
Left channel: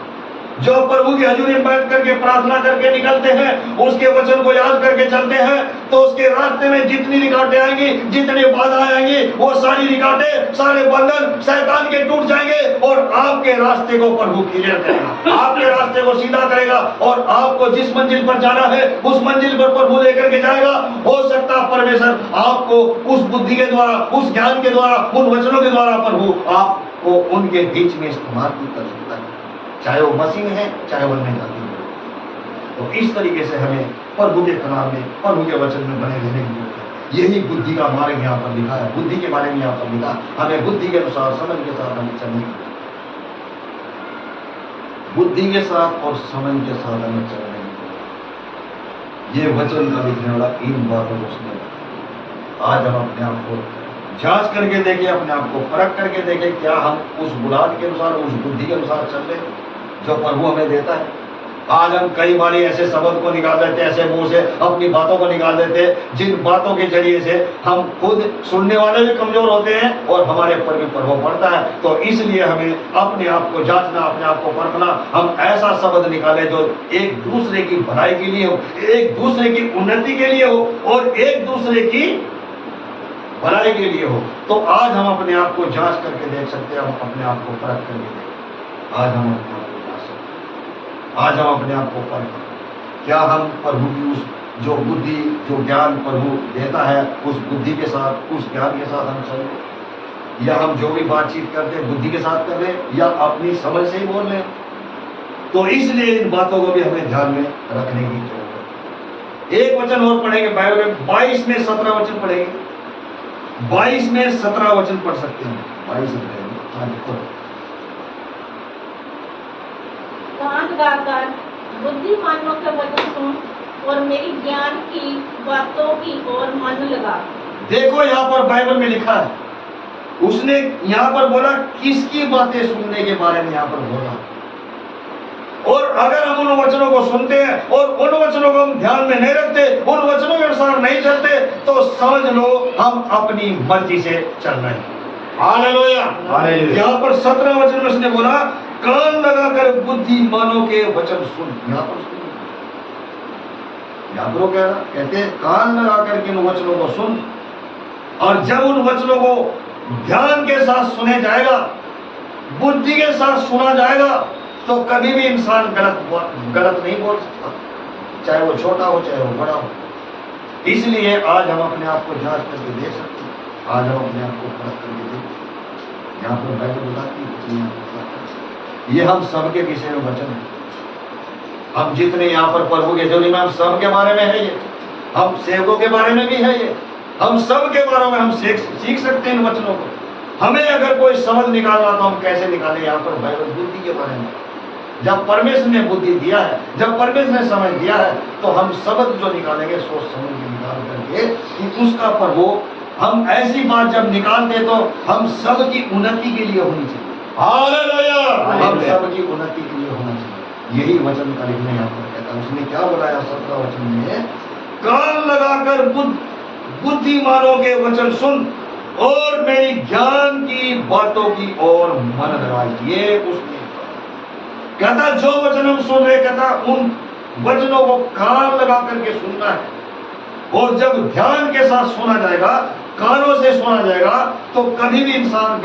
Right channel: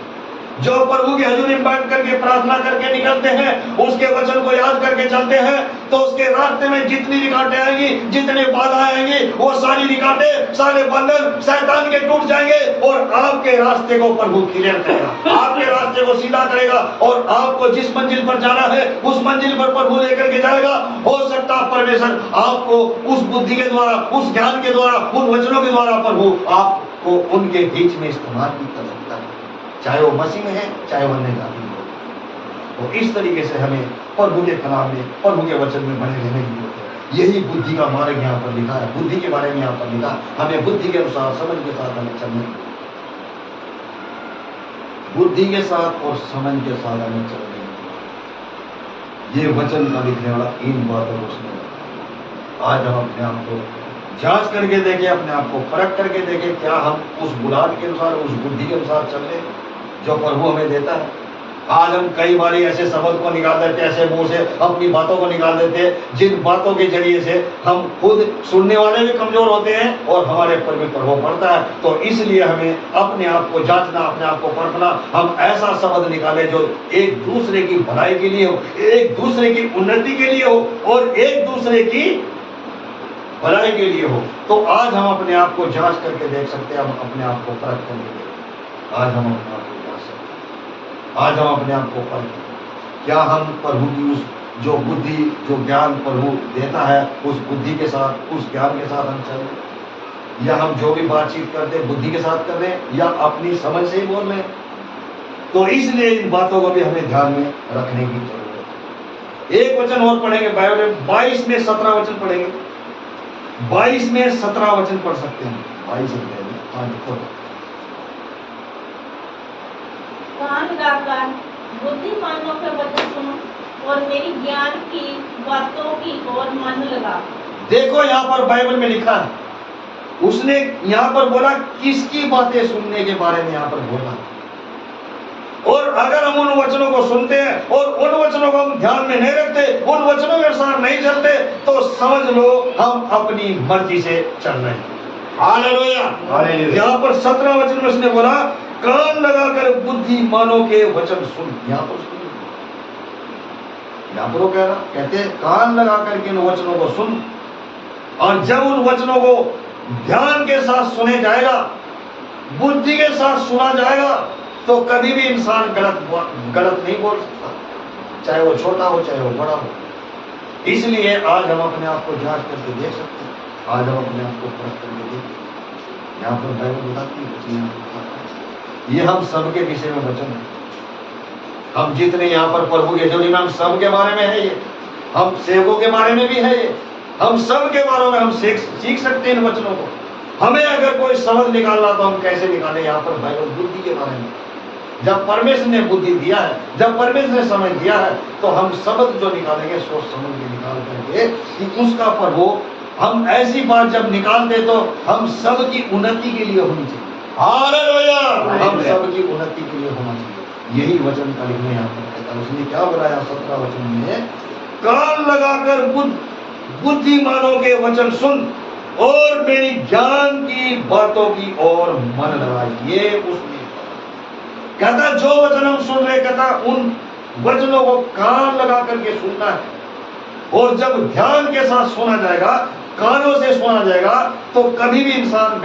जो प्रभु की हजूरी में बैठ करके प्रार्थना करके निकलते हैं, उसके वचन को याद करके चलते हैं, तो उसके रास्ते में जितनी रिकावटें आएंगी, जितने बाधा आएंगी, वो सारी रिकावटें, सारे बंधन शैतान के टूट जाएंगे और आपके रास्ते को प्रभु क्लियर करेगा, आपके रास्ते को सीधा करेगा और आपको जिस मंजिल पर जाना है उस मंजिल पर प्रभु लेकर के जाएगा। हो सकता है परमेश्वर आपको उस बुद्धि के द्वारा, उस ज्ञान के द्वारा, उन वचनों के द्वारा प्रभु आपको उनके बीच में इस्तेमाल भी कर सकता है, चाहे वो मसीह है, चाहे वो नहीं जाती है। तो इस तरीके से हमें प्रभु के कलाम में, प्रभु के वचन में बने रहने की जरूरत है। यही बुद्धि का मार्ग यहाँ पर लिखा है, बुद्धि के बारे में यहाँ पर लिखा, हमें बुद्धि के अनुसार, समझ के साथ हमें चलने की, बुद्धि के साथ और समझ के साथ हमें चलने की। ये वचन का लिखने वाला इन बातों को सुने। आज हम अपने आप को जांच करके देखें, अपने आप को परख करके देखें, क्या हम उस बुलाद के अनुसार, उस बुद्धि के अनुसार चल रहे हैं जो प्रभु हमें देता है। आज हम कई बार ऐसे शब्द को निकाल देते हैं, ऐसे मुंह से अपनी बातों को निकाल देते हैं जिन बातों के जरिए से हम खुद सुनने वाले भी कमजोर होते हैं और हमारे पर भी प्रभाव पड़ता है। तो इसलिए हमें अपने आप को जांचना, अपने आप को परखना, हम ऐसा शब्द निकालें जो एक दूसरे की भलाई के लिए हो, एक दूसरे की उन्नति के लिए हो और एक दूसरे की भलाई के लिए हो। तो आज हम अपने आप को जांच करके देख सकते हैं, हम अपने आप को परख करके देख, आज हम अपने आप को जांच सकते हैं, आज हम अपने आप को परखें, क्या हम प्रभु की उस जो बुद्धि, जो ज्ञान प्रभु देता है, उस बुद्धि के साथ, उस ज्ञान के साथ हम चलें, या हम जो भी बातचीत करते हैं बुद्धि के साथ कर रहे हैं या अपनी समझ से ही बोल रहे हैं। तो इसलिए इन बातों को भी हमें ध्यान में रखने की जरूरत है। एक वचन और पढ़ेंगे बाइबल में, 22 में 17 वचन पढ़ेंगे, 22 में 17 वचन पढ़ सकते हैं। 22 कान लगाकर बुद्धिमानों के वचन सुन और मेरी ज्ञान की बातों की ओर मन लगा। देखो यहाँ पर बाइबल में लिखा है, उसने यहाँ पर बोला किसकी बातें सुनने के बारे में यहाँ पर बोला। और अगर हम उन वचनों को सुनते हैं और उन वचनों को हम ध्यान में नहीं रखते, उन वचनों के अनुसार नहीं चलते, तो समझ लो हम अपनी मर्जी से चल रहे हैं। हालेलुया। यहाँ पर 17 वचन में उसने बोला, कान लगाकर बुद्धिमानों के वचन सुन। यहाँ पर वो कह रहा, कहते हैं कान लगा करके इन वचनों को सुन, और जब उन वचनों को ध्यान के साथ सुने जाएगा, बुद्धि के साथ सुना जाएगा, तो कभी भी इंसान गलत नहीं बोल सकता, चाहे वो छोटा हो चाहे वो बड़ा हो। इसलिए आज हम अपने आप को जांच करके देख सकते हैं, आज हम अपने आप को परख करके देख सकते हैं। यहाँ पर बाइबल बताती है, ये हम सबके विषय में वचन है। हम जितने यहाँ पर प्रभु के जोड़ी में, हम सब के बारे में है ये, हम सेवकों के बारे में भी है ये, हम सब के बारे में हम सीख सकते हैं इन वचनों को। हमें अगर कोई समझ निकालना तो हम कैसे निकालें? यहाँ पर बाइबल बुद्धि के बारे में, जब परमेश्वर ने बुद्धि दिया है, जब परमेश्वर ने समझ दिया है, तो हम शब्द जो निकालेंगे सोच समझ के निकाल करके कि उसका प्रभु, हम ऐसी बात जब निकालते तो हम सब की उन्नति के लिए होनी चाहिए। हालेलुया। हम सब की उन्नति के लिए होना चाहिए। यही वचन का लिखने यहाँ पर कहता है। उसने क्या बोला 17 वचन में, कान लगाकर बुद्धिमानों के वचन सुन और मेरी ज्ञान की बातों की ओर मन लगा। ये उसने कहता, जो वचन हम सुन रहे, कहता उन वचनों को कान लगा करके सुनना है, और जब ध्यान के साथ सुना जाएगा, कानों से सुना जाएगा, तो कभी भी इंसान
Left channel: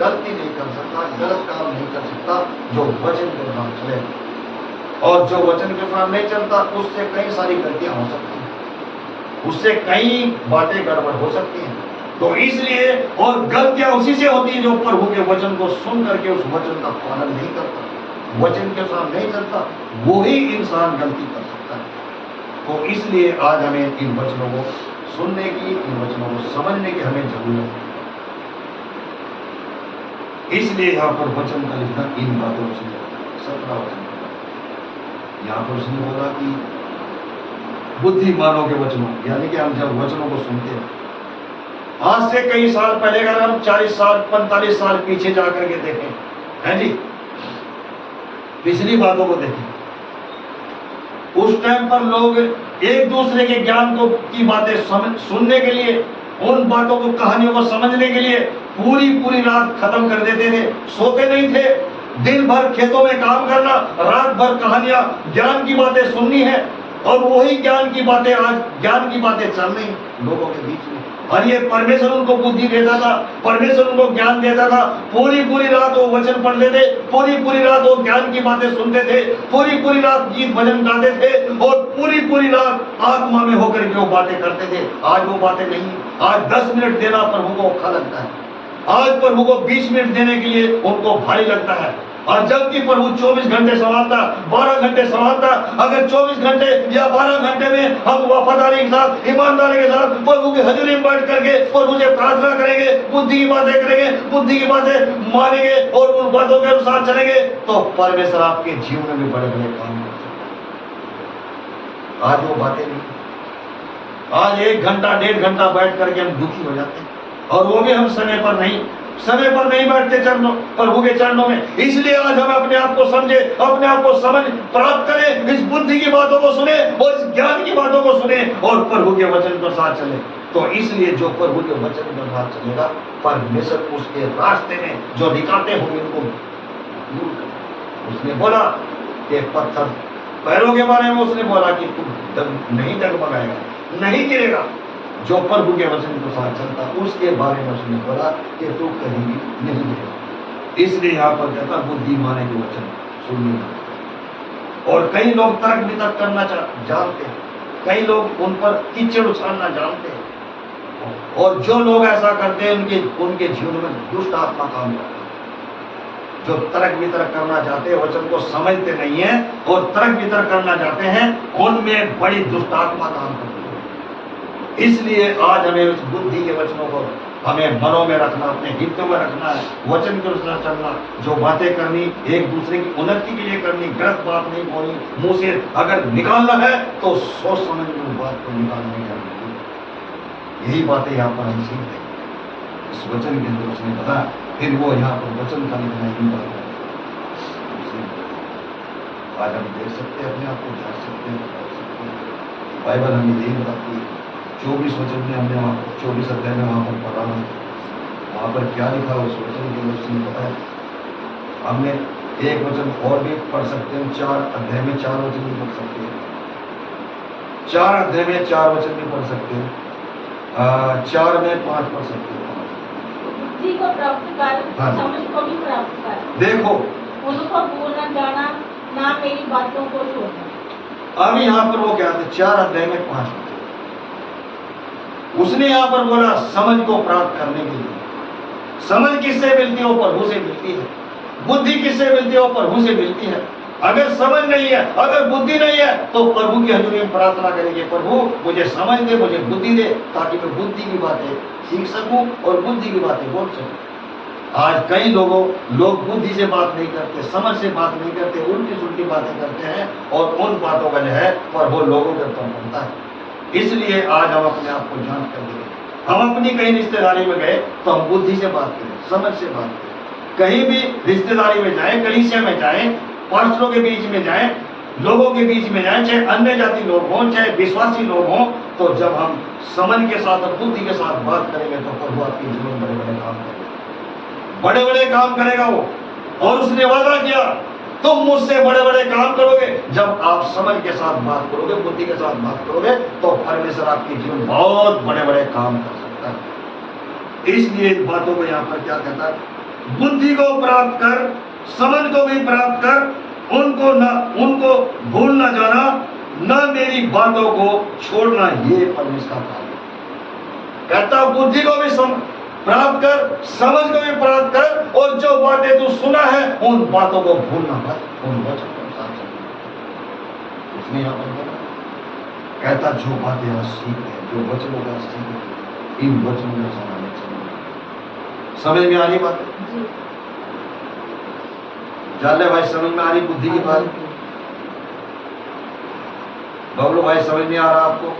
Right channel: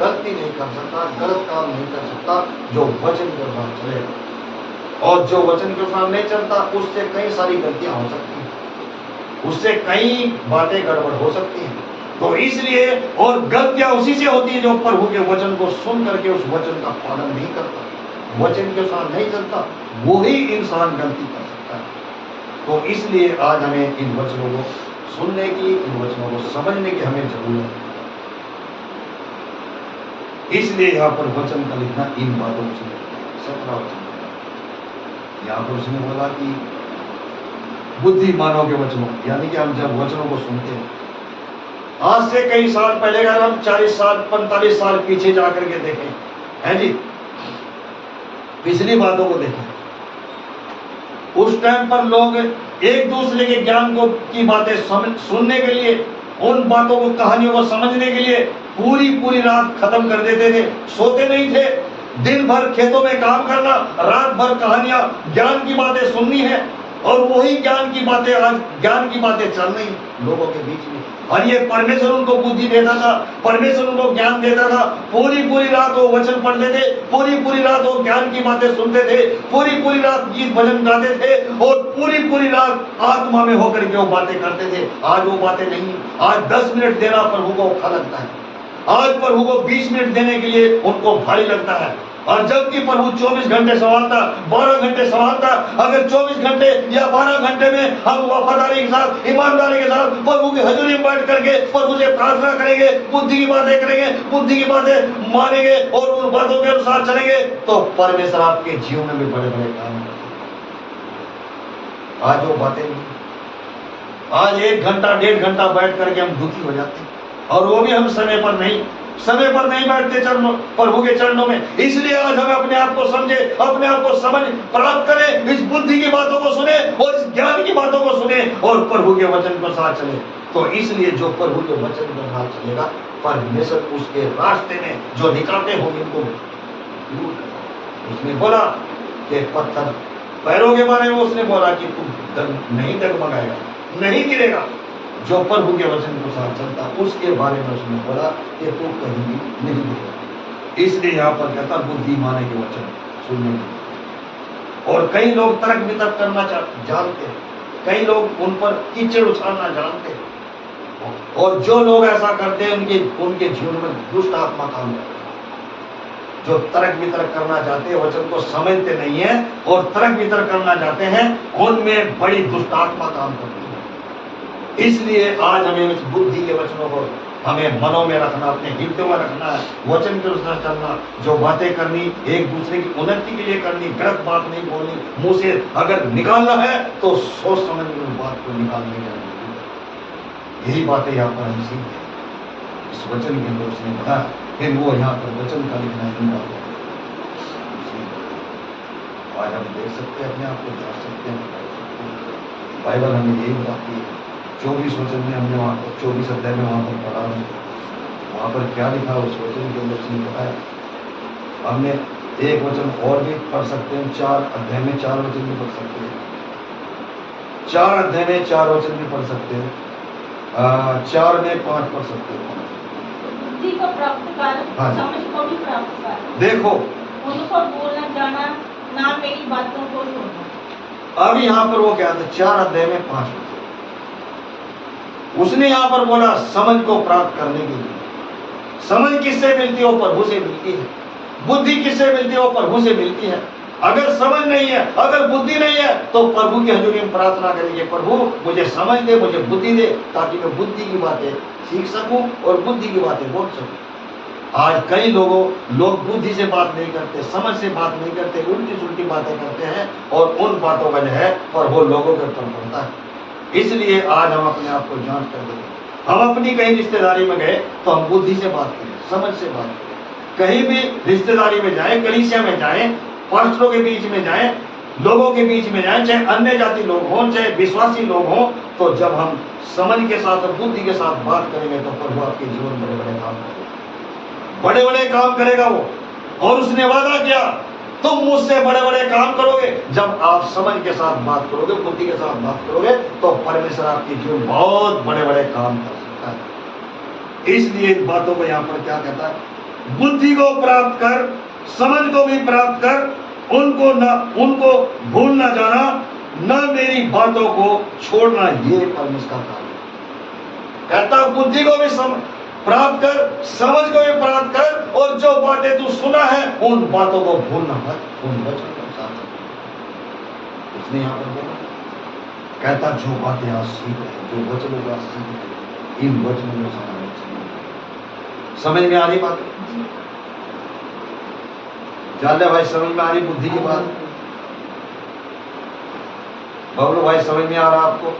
गलती नहीं कर सकता, गलत काम नहीं कर सकता, जो वचन के अनुसार चले। और जो वचन के अनुसार नहीं चलता, उससे कई सारी गलतियां हो सकती हैं, उससे कई बातें गड़बड़ हो सकती हैं। तो इसलिए, और गलतियां उसी से होती है जो प्रभु के वचन को सुन करके उस वचन का पालन नहीं करता, वचन के साथ नहीं चलता, वो ही इंसान गलती कर सकता है। तो इसलिए आज हमें इन वचनों को सुनने की, इन वचनों को समझने की हमें जरूरत है। इसलिए यहाँ पर वचन का लिखना इन बातों से 17 वचन, यहाँ पर उसने बोला कि बुद्धिमानों के वचनों, यानी कि हम जब वचनों को सुनते हैं, आज से कई साल पहले अगर हम 40 साल 45 साल पीछे जाकर के देखें, है जी, पिछली बातों को देखें, उस टाइम पर लोग एक दूसरे के ज्ञान को की बातें सुनने के लिए, उन बातों को, कहानियों को समझने के लिए पूरी रात खत्म कर देते थे, सोते नहीं थे, दिन भर खेतों में काम करना, रात भर कहानियां, ज्ञान की बातें सुननी है, और वही ज्ञान की बातें आज ज्ञान की बातें चल रही लोगों के बीच में। और ये परमेश्वर उनको बुद्धि देता था, परमेश्वर उनको ज्ञान देता था, पूरी रात वो वचन पढ़ते थे, पूरी रात वो ज्ञान की बातें सुनते थे, पूरी रात गीत भजन गाते थे, और पूरी रात आत्मा में होकर के वो बातें करते थे। आज वो बातें नहीं। आज 10 मिनट देना प्रभु को औखा लगता है, आज प्रभु को 20 मिनट देने के लिए उनको भारी लगता है। और जबकि प्रभु 24 घंटे संभालता, 12 घंटे संभालता, अगर 24 घंटे या 12 घंटे में हम वफादारी के साथ, ईमानदारी के साथ प्रभु की हजूरी में बैठ करके प्रभु से प्रार्थना करेंगे, बुद्धि की बातें करेंगे, बुद्धि की बातें मानेंगे और उन बातों के अनुसार चलेंगे, तो परमेश्वर आपके जीवन में भी बड़े बड़े काम करते। आज वो बातें नहीं। आज 1 घंटा 1.5 घंटा बैठ करके हम दुखी हो जाते हैं, और वो भी हम समय पर नहीं बैठते प्रभु के चरणों में। इसलिए आज हमें अपने आप को समझे, अपने आप को समझ प्राप्त करें, इस बुद्धि की बातों को सुने और इस ज्ञान की बातों को सुने और प्रभु के वचन के साथ चले। तो इसलिए जो प्रभु के वचन के साथ चलेगा, परमेश्वर उसके रास्ते में जो निकालते होंगे उनको दूर करेगा। उसने बोला कि पत्थर पैरों के बारे में उसने बोला कि तू नहीं डगमगाएगा, नहीं गिरेगा। जो प्रभु के वचन के साथ चलता, उसके बारे में उसने बोला कि तू कहीं भी नहीं गिरेगा। इसलिए यहाँ पर कहता बुद्धिमाने के वचन सुनने। और कई लोग तर्क वितर्क करना जानते हैं, कई लोग उन पर कीचड़ उछालना जानते हैं, और जो लोग ऐसा करते हैं उनके जीवन में दुष्ट आत्मा काम करते हैं। जो तर्क वितर्क करना चाहते हैं, वचन को समझते नहीं है और तर्क वितर्क करना चाहते हैं, उनमें बड़ी दुष्ट आत्मा काम करती है। इसलिए आज हमें उस बुद्धि के वचनों को हमें मनों में रखना, अपने हृदय में रखना है, वचन के अनुसार चलना, जो बातें करनी एक दूसरे की उन्नति के लिए करनी, गलत बात नहीं बोलनी, मुंह से अगर निकालना है तो सोच समझ में उस बात को निकालने की। यही बातें यहाँ पर हम सीखते हैं इस वचन के अंदर। उसने बताया, फिर वो यहाँ पर वचन का लिखना है। आज हम देख सकते हैं, अपने आप को जांच सकते हैं, बता सकते हैं। बाइबल हमें यही बताती है। 24 वचन में हमने वहाँ 24 अध्याय में वहाँ पर पढ़ा है, वहाँ पर क्या लिखा उस वचन के अंदर उसने बताया। हमने एक वचन और भी पढ़ सकते हैं, 4 अध्याय में 4 वचन भी पढ़ सकते हैं, 4 अध्याय में 4 वचन भी पढ़ सकते हैं, 4 में 5 पढ़ सकते हैं। बुद्धि को प्राप्त कर, हाँ। समझ को भी प्राप्त कर, देखो उनको बोलना जाना, ना मेरी बातों को छोड़ना। अब यहाँ पर वो क्या था, 4 अध्याय में 5 वचन उसने यहाँ पर बोला समझ को प्राप्त करने के लिए। समझ किससे मिलती है? वो प्रभु से मिलती है। बुद्धि किससे मिलती है? वो प्रभु से मिलती है। अगर समझ नहीं है, अगर बुद्धि नहीं है, तो प्रभु की हजूरी में प्रार्थना करेंगे, प्रभु मुझे समझ दे, मुझे बुद्धि दे, ताकि मैं बुद्धि की बातें सीख सकूं और बुद्धि की बातें बोल सकूं। आज कई लोग बुद्धि से बात नहीं करते, समझ से बात नहीं करते, उल्टी सुल्टी बातें करते हैं, और उन बातों का जो है पर वो लोगों के ऊपर पड़ता है। इसलिए आज हम अपने आप को जांच कर देंगे। हम अपनी कहीं रिश्तेदारी में गए तो हम बुद्धि से बात करें, समझ से बात करें। कहीं भी रिश्तेदारी में जाएं, कलीसिया में जाएं, पास्टरों के बीच में जाएं, लोगों के बीच में जाएं, चाहे अन्य जाति लोग हों, चाहे विश्वासी लोग हों, तो जब हम समझ के साथ और बुद्धि के साथ बात करेंगे तो प्रभु आपके जीवन बड़े बड़े काम करेगा, बड़े बड़े काम करेगा वो। और उसने वादा किया तुम मुझसे बड़े बड़े काम करोगे। जब आप समझ के साथ बात करोगे, बुद्धि के साथ बात करोगे, तो परमेश्वर आपके जीवन बहुत बड़े बड़े काम कर सकता है। इसलिए इन बातों को यहाँ पर क्या कहता है, बुद्धि को प्राप्त कर, समझ को भी प्राप्त कर, उनको भूल ना जाना, न मेरी बातों को छोड़ना, ये परमेश्वर का कार्य है। कहता बुद्धि को भी प्राप्त कर, समझ को भी प्राप्त कर, और जो बातें तू सुना है उन बातों को भूलना मत, उन वचनों के साथ चलना। इसलिए यहाँ पर बोला, कहता जो बातें आज सीख रहे, जो वचनों का सीख रहे, इन वचनों में समावेश समझ में आ रही बात? जान ले भाई, समझ में आ रही बुद्धि की बात? बबलू भाई समझ में आ रहा आपको?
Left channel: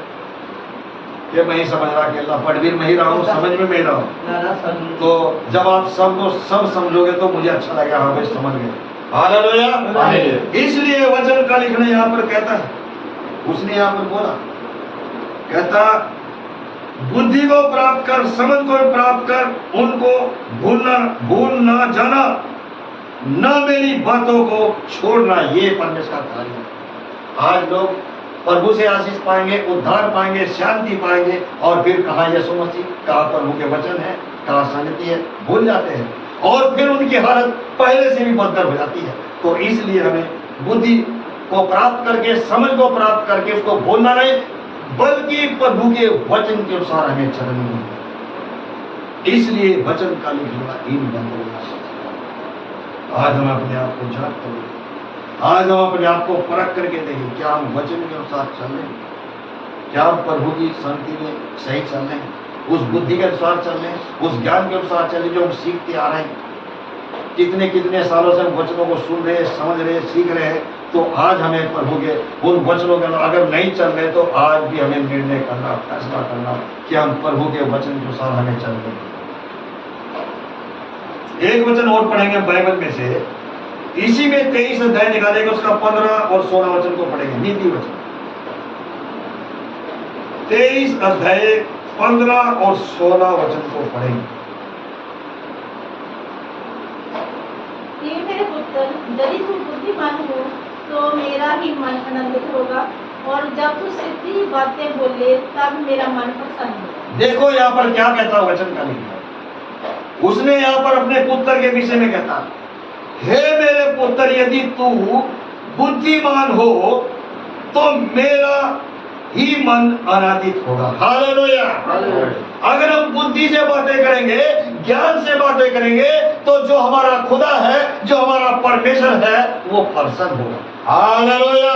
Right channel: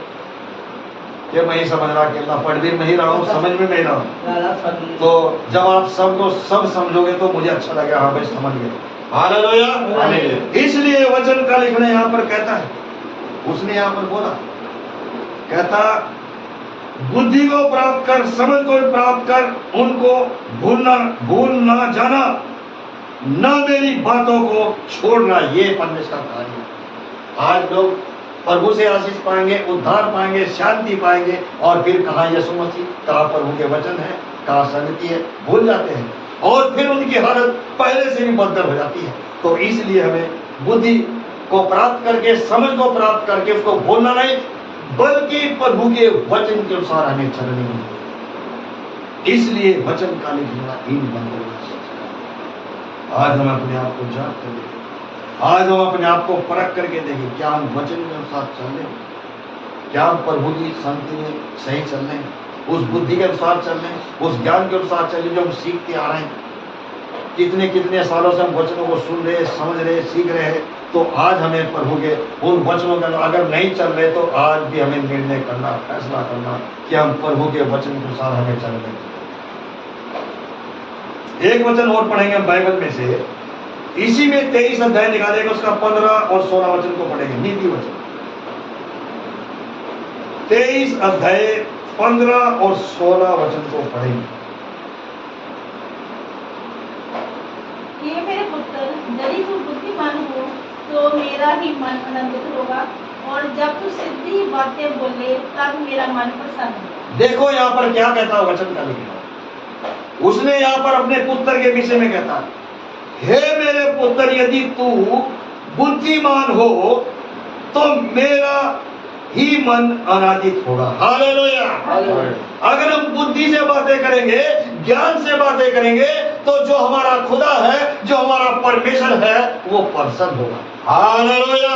कि मैं ही समझ रहा कि अल्लाह पढ़ मैं ही रहा हूँ, समझ में मैं रहा हूँ। तो जब आप सबको सब समझोगे तो मुझे अच्छा लगेगा, हाँ भाई समझ गए। हालेलुया। इसलिए वचन का लिखना यहाँ पर कहता है, उसने यहाँ पर बोला, कहता बुद्धि को प्राप्त कर, समझ को भी प्राप्त कर, उनको भूल ना जाना, न मेरी बातों को छोड़ना, ये परमेश्वर का कार्य है। आज लोग प्रभु से आशीष पाएंगे, उद्धार पाएंगे, शांति पाएंगे, और फिर कहाँ यीशु मसीह, कहाँ प्रभु के वचन है, कहाँ संगति है, भूल जाते हैं, और फिर उनकी हालत पहले से भी बदतर हो जाती है। तो इसलिए हमें बुद्धि को प्राप्त करके, समझ को प्राप्त करके उसको भूलना नहीं, बल्कि प्रभु के वचन के अनुसार हमें चलना नहीं। इसलिए वचन का लिखना इन बंधुओं का आज हम अपने आप को जांच करें, आज हम अपने आप को परख करके देखें, क्या हम वचन के अनुसार चल रहे हैं, क्या हम प्रभु की संगति में सही चल रहे हैं, उस बुद्धि के अनुसार चल रहे हैं, उस ज्ञान के अनुसार चल रहे हैं जो हम सीखते आ रहे हैं। कितने कितने सालों से हम वचनों को सुन रहे, समझ रहे, सीख रहे हैं, तो आज हमें प्रभु के उन वचनों के अगर नहीं चल रहे तो आज भी हमें निर्णय करना, फैसला करना कि हम प्रभु के वचन के अनुसार हमें चल रहे हैं। एक वचन और पढ़ेंगे बाइबल में से, इसी में 23 अध्याय निकालेंगे, उसका 15 और 16 वचन को पढ़ेंगे। नीति वचन 23 अध्याय 15 और 16 वचन को पढ़ेंगे। ये मेरे पुत्र, यदि तू बुद्धिमान हो तो मेरा ही मन आनंदित होगा, और जब तू सीधी बातें बोले तब मेरा मन प्रसन्न होगा। देखो यहाँ पर क्या कहता है वचन का लिखा, उसने यहाँ पर अपने पुत्र के विषय में कहता, हे मेरे पुत्र, यदि तू बुद्धिमान हो तो मेरा ही मन आनंदित होगा। हालेलुया। अगर हम बुद्धि से बातें करेंगे, ज्ञान से बातें करेंगे, तो जो हमारा खुदा है, जो हमारा परमेश्वर है, वो प्रसन्न होगा। हालेलुया।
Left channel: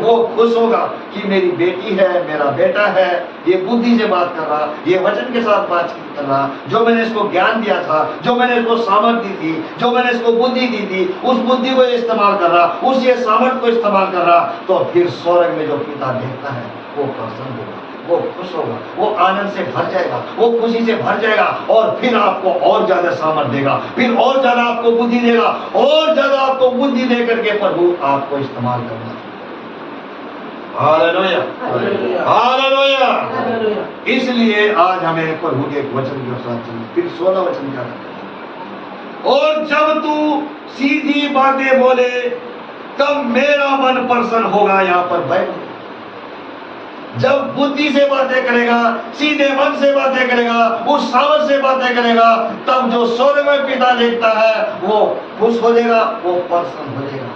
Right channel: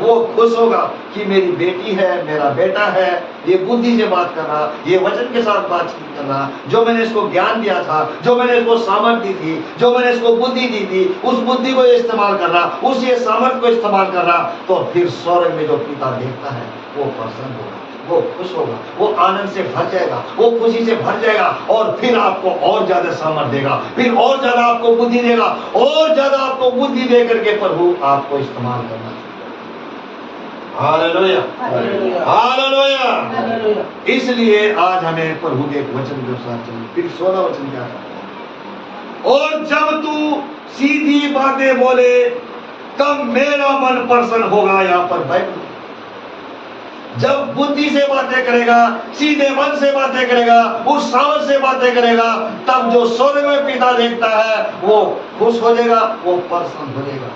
वो खुश होगा कि मेरी बेटी है, मेरा बेटा है, ये बुद्धि से बात कर रहा, ये वचन के साथ बातचीत कर रहा, जो मैंने इसको ज्ञान दिया था, जो मैंने इसको सामर्थ दी थी, जो मैंने इसको बुद्धि दी थी, उस बुद्धि को ये इस्तेमाल कर रहा, उस ये सामर्थ को इस्तेमाल कर रहा, तो फिर स्वर्ग में जो पिता देखता है वो प्रसन्न होगा। वो खुश होगा, वो आनंद से भर जाएगा, वो खुशी से भर जाएगा, और फिर आपको और ज्यादा सामर्थ देगा, फिर और ज्यादा आपको बुद्धि देगा, और ज्यादा आपको बुद्धि दे करके प्रभु आपको इस्तेमाल करना। Hallelujah, hallelujah. इसलिए आज हमें प्रभु के वचन के साथ चलना। फिर 16 वचन क्या है? और जब तू सीधी बातें बोले तब मेरा मन प्रसन्न होगा। यहाँ पर बाइबल जब बुद्धि से बातें करेगा, सीधे मन से बातें करेगा, उस सामर्थ से बातें करेगा, तब जो स्वर्ग में पिता देखता है वो खुश हो जाएगा, वो प्रसन्न हो जाएगा।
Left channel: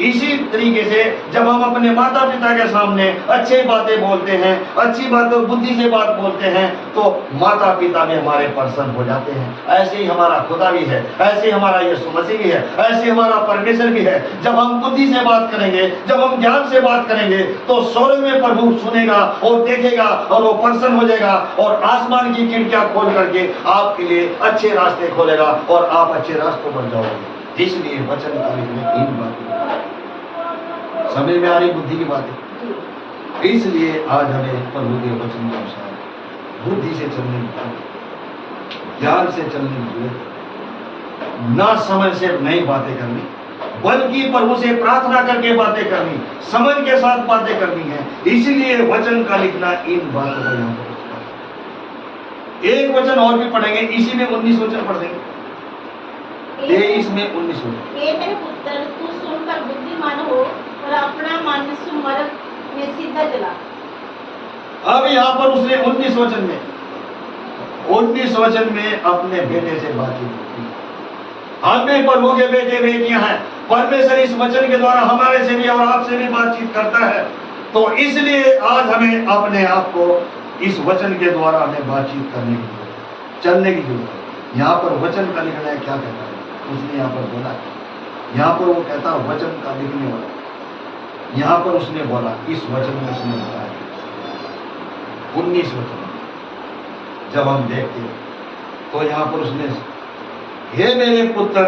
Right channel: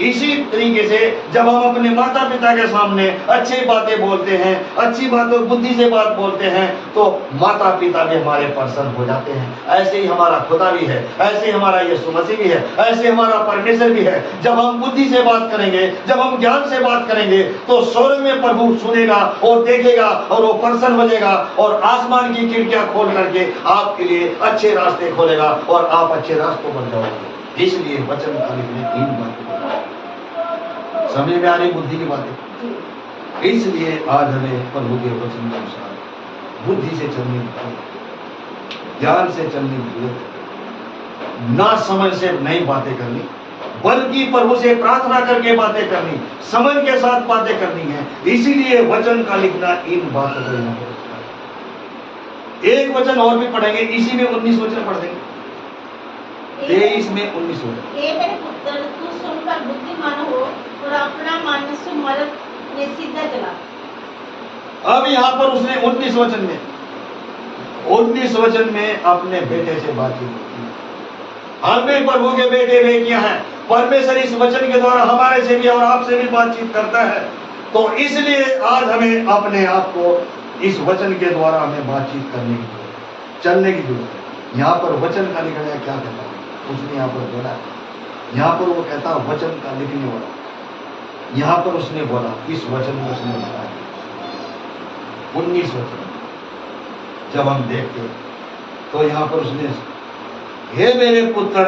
इसी तरीके से जब हम अपने माता पिता के सामने अच्छी बातें बोलते हैं, अच्छी बातें बुद्धि से बात बोलते हैं, तो माता पिता भी हमारे प्रसन्न हो जाते हैं। ऐसे ही हमारा खुदा भी है, ऐसे ही हमारा यीशु मसीह भी है, ऐसे हमारा परमेश्वर भी है। जब हम बुद्धि से बात करेंगे, जब हम ज्ञान से बात करेंगे, तो स्वर्ग में प्रभु सुनेगा और देखेगा और वो प्रसन्न हो जाएगा, और आसमान की खिड़कियां खोल करके आपके लिए अच्छे रास्ते खोलेगा और आप अच्छे रास्तों पर जाओगे। इसलिए वचन का लिखने 3 बातें समझ में आ रही, बुद्धि की बातें। इसलिए आज हमें प्रभु के वचन के अनुसार बुद्धि से चलने की जरूरत, ज्ञान से चलने की जरूरत, ना समझ से नई बातें करनी, बल्कि प्रभु से प्रार्थना करके बातें करनी, समझ के साथ बातें करनी है। इसीलिए वचन का लिखना इन बातों को यहाँ पर। एक वचन और भी पढ़ेंगे, इसी में 19 वचन पढ़ देंगे, 23 में 19 वचन। हे मेरे पुत्र, तू सुनकर बुद्धिमान हो और अपना मन सुमर्थ में सीधा चला। अब यहाँ पर उसने 19 वचन में अपने बेटे से बातचीत की। हम भी प्रभु के बेटे बेटियां हैं। परमेश्वर इस वचन के द्वारा हमारे से भी और आपसे भी बातचीत करता है। तो इसलिए आज हमें अपने आप को इस वचन के द्वारा हमें बातचीत करने की जरूरत, चलने की जरूरत है। यहाँ पर वचन का लिखना है, क्या कहता है उसने यहाँ पर बोला। यहाँ पर वो कहता है वचन का लिखने वाला। यहाँ पर उसने बोला, इस वचन में उसने बोला 19 वचन जब हम देखते तो यहाँ पर उसने, हे मेरे पुत्र,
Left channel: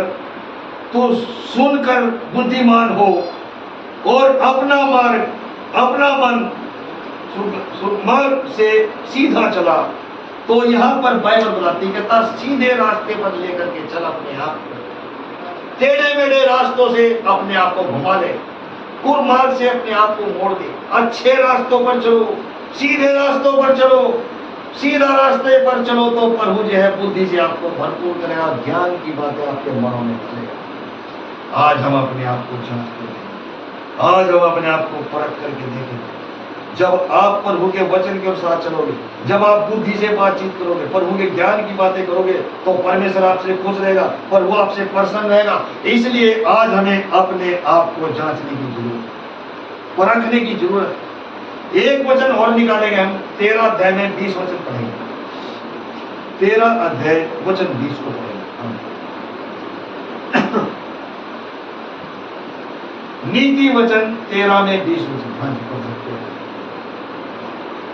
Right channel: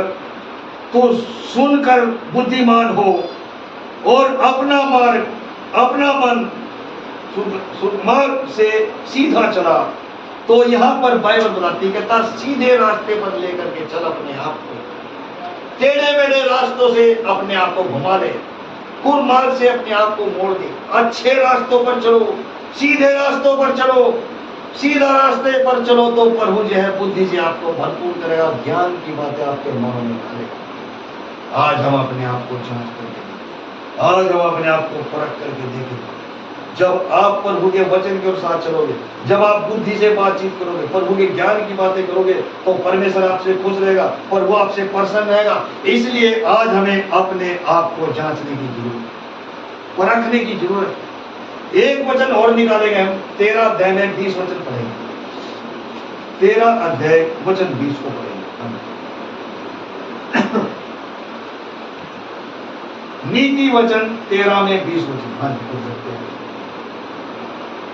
तू सुनकर बुद्धिमान हो और अपना मन मार्ग से सीधा चला। तो यहाँ पर बाइबल बताती कहता सीधे रास्ते पर लेकर के चल अपने आप को, टेढ़े मेढ़े रास्तों से अपने आप को घुमा ले, कुमार्ग से अपने आप को मोड़ दे, अच्छे रास्तों पर चलो, सीधे रास्तों पर चलो। सीधा रास्ते पर चलो तो प्रभु जो है बुद्धि से आपको भरपूर करेगा, ज्ञान की बातें आपके मनों में डालेगा। आज हम अपने आप को जांच करें, आज हम अपने आप को परख करके देखें। जब आप प्रभु के वचन के साथ चलोगे, जब आप बुद्धि से बातचीत करोगे, प्रभु के ज्ञान की बातें करोगे, तो परमेश्वर आपसे खुश रहेगा, प्रभु आपसे प्रसन्न रहेगा। इसलिए आज हमें अपने आप को जांचने की जरूरत, परखने की जरूरत। एक वचन और निकालेंगे हम, 13 अध्याय में 20 वचन पढ़ेंगे। 13 अध्याय वचन 20 को पढ़ेंगे हम। नीति वचन 13 में 20 वचन। हाँ जी,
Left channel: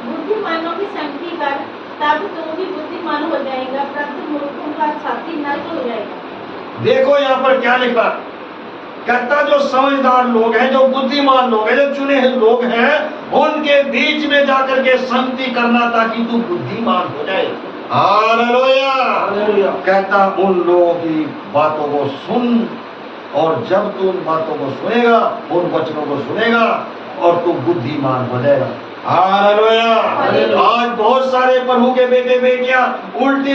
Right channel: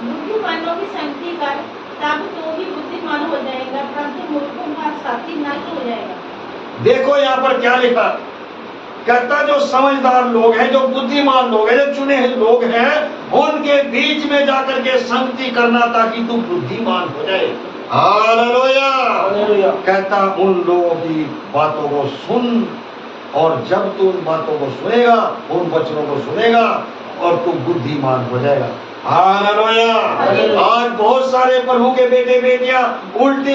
बुद्धिमानों की संगति कर, तब तो भी बुद्धिमान हो जाएगा, परंतु मूर्खों का साथी नष्ट हो जाएगा। देखो यहाँ पर क्या लिखा, कहता जो समझदार लोग हैं, जो बुद्धिमान लोग हैं, जो चुने हुए लोग हैं, उनके बीच में जाकर के संगति करना ताकि तू बुद्धिमान हो जाए। हालेलुया। कहता उन लोगों की बातों को सुन, और जब तू उन बातों को सुनेगा, उन वचनों को सुनेगा, और तू बुद्धिमान हो जाएगा। हालेलुया। आज बहुत सारे प्रभु के बेटे बेटियां उल्टी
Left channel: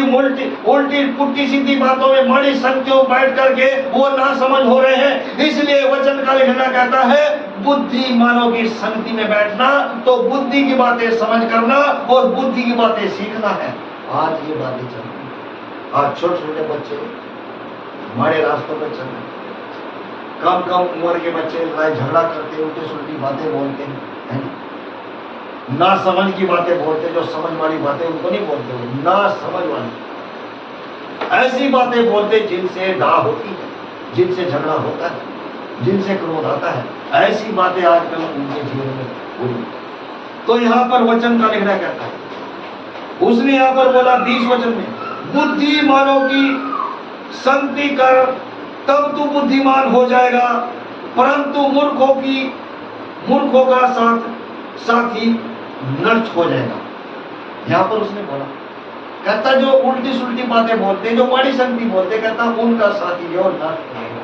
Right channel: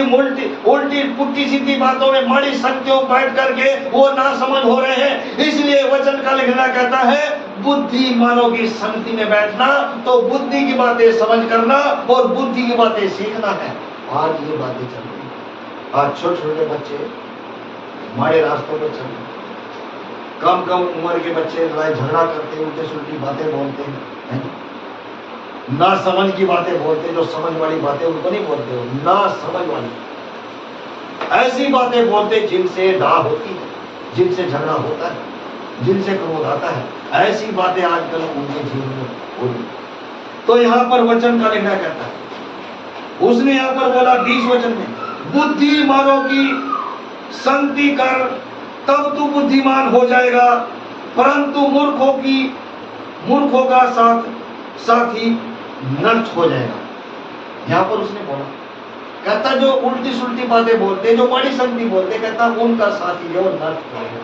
पुट्टी सीधी बातों में बड़ी संगतियों बैठ करके वो ना समझ हो रहे हैं। इसलिए वचन का लिखना कहता है बुद्धिमानों की संगति में बैठना, तो बुद्धि की बातें समझ करना और बुद्धि की बातें सीखना है। आज ये बातें चल रही, आज छोटे छोटे बच्चे हमारे रास्तों पर चल रहे, कम उम्र के बच्चे लड़ाई झगड़ा करते, उल्टी सुल्टी बातें बोलते हैं, ना समझ की बातें बोलते। जो समझ वाली बातें उनको नहीं बोलते हो, ना समझ वाली ऐसी बातें बोलते जिनसे दाह होती है, जिनसे झगड़ा होता है, जिनसे क्रोध आता है। ऐसी बातें आजकल उनके जीवन में हो रही। तो यहाँ पर वचन का लिखना कहता है, उसने यहाँ पर बोला 20 वचन में, बुद्धिमानों की संगति कर, तब तू बुद्धिमान हो जाएगा, परंतु मूर्खों का साथी नष्ट हो जाएगा। यहाँ पर उसने बोला, कहता जो उल्टी सुल्टी बातें बोलते, जो माड़ी संगति बोलते, कहता उनका साथी जो नष्ट करेगा।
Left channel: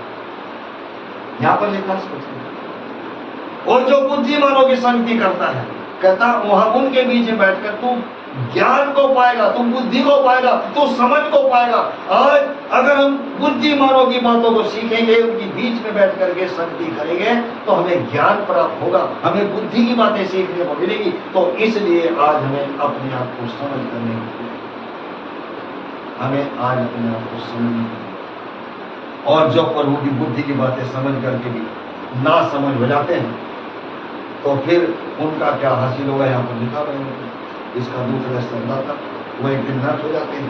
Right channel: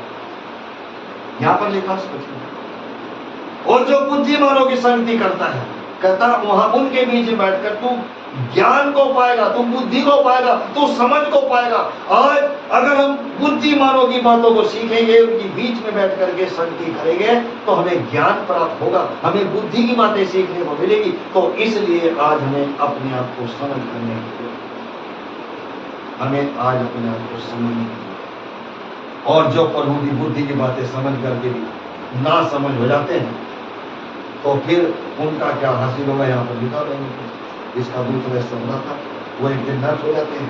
यहाँ पर लिखा स्पष्ट। और जो बुद्धिमानों की संगति करता है, कहता वहां उनके बीच में बैठकर तू ज्ञान को पाएगा, तू बुद्धि को पाएगा, तू समझ को पाएगा। आज अगर हम बुद्धिमानों की बातों को सीखेंगे, उनके बीच में बैठ करके संगति करेंगे, तो हमें ज्ञान प्राप्त होगा, हमें बुद्धि की बातें सीखने को मिलेगी। तो इसलिए आज हमें अपने आप को समझ करने की, हमें आज अपने आप को समझ, और जो प्रभु की बुद्धि की बातें समझ करके भी ना समझ हो जाते हैं, तो फिर उनका क्या हासिल होगा। यहाँ पर लिखा हुआ है, इसका दूसरा शब्द था, वो एक दिन नष्ट हो जाते हैं,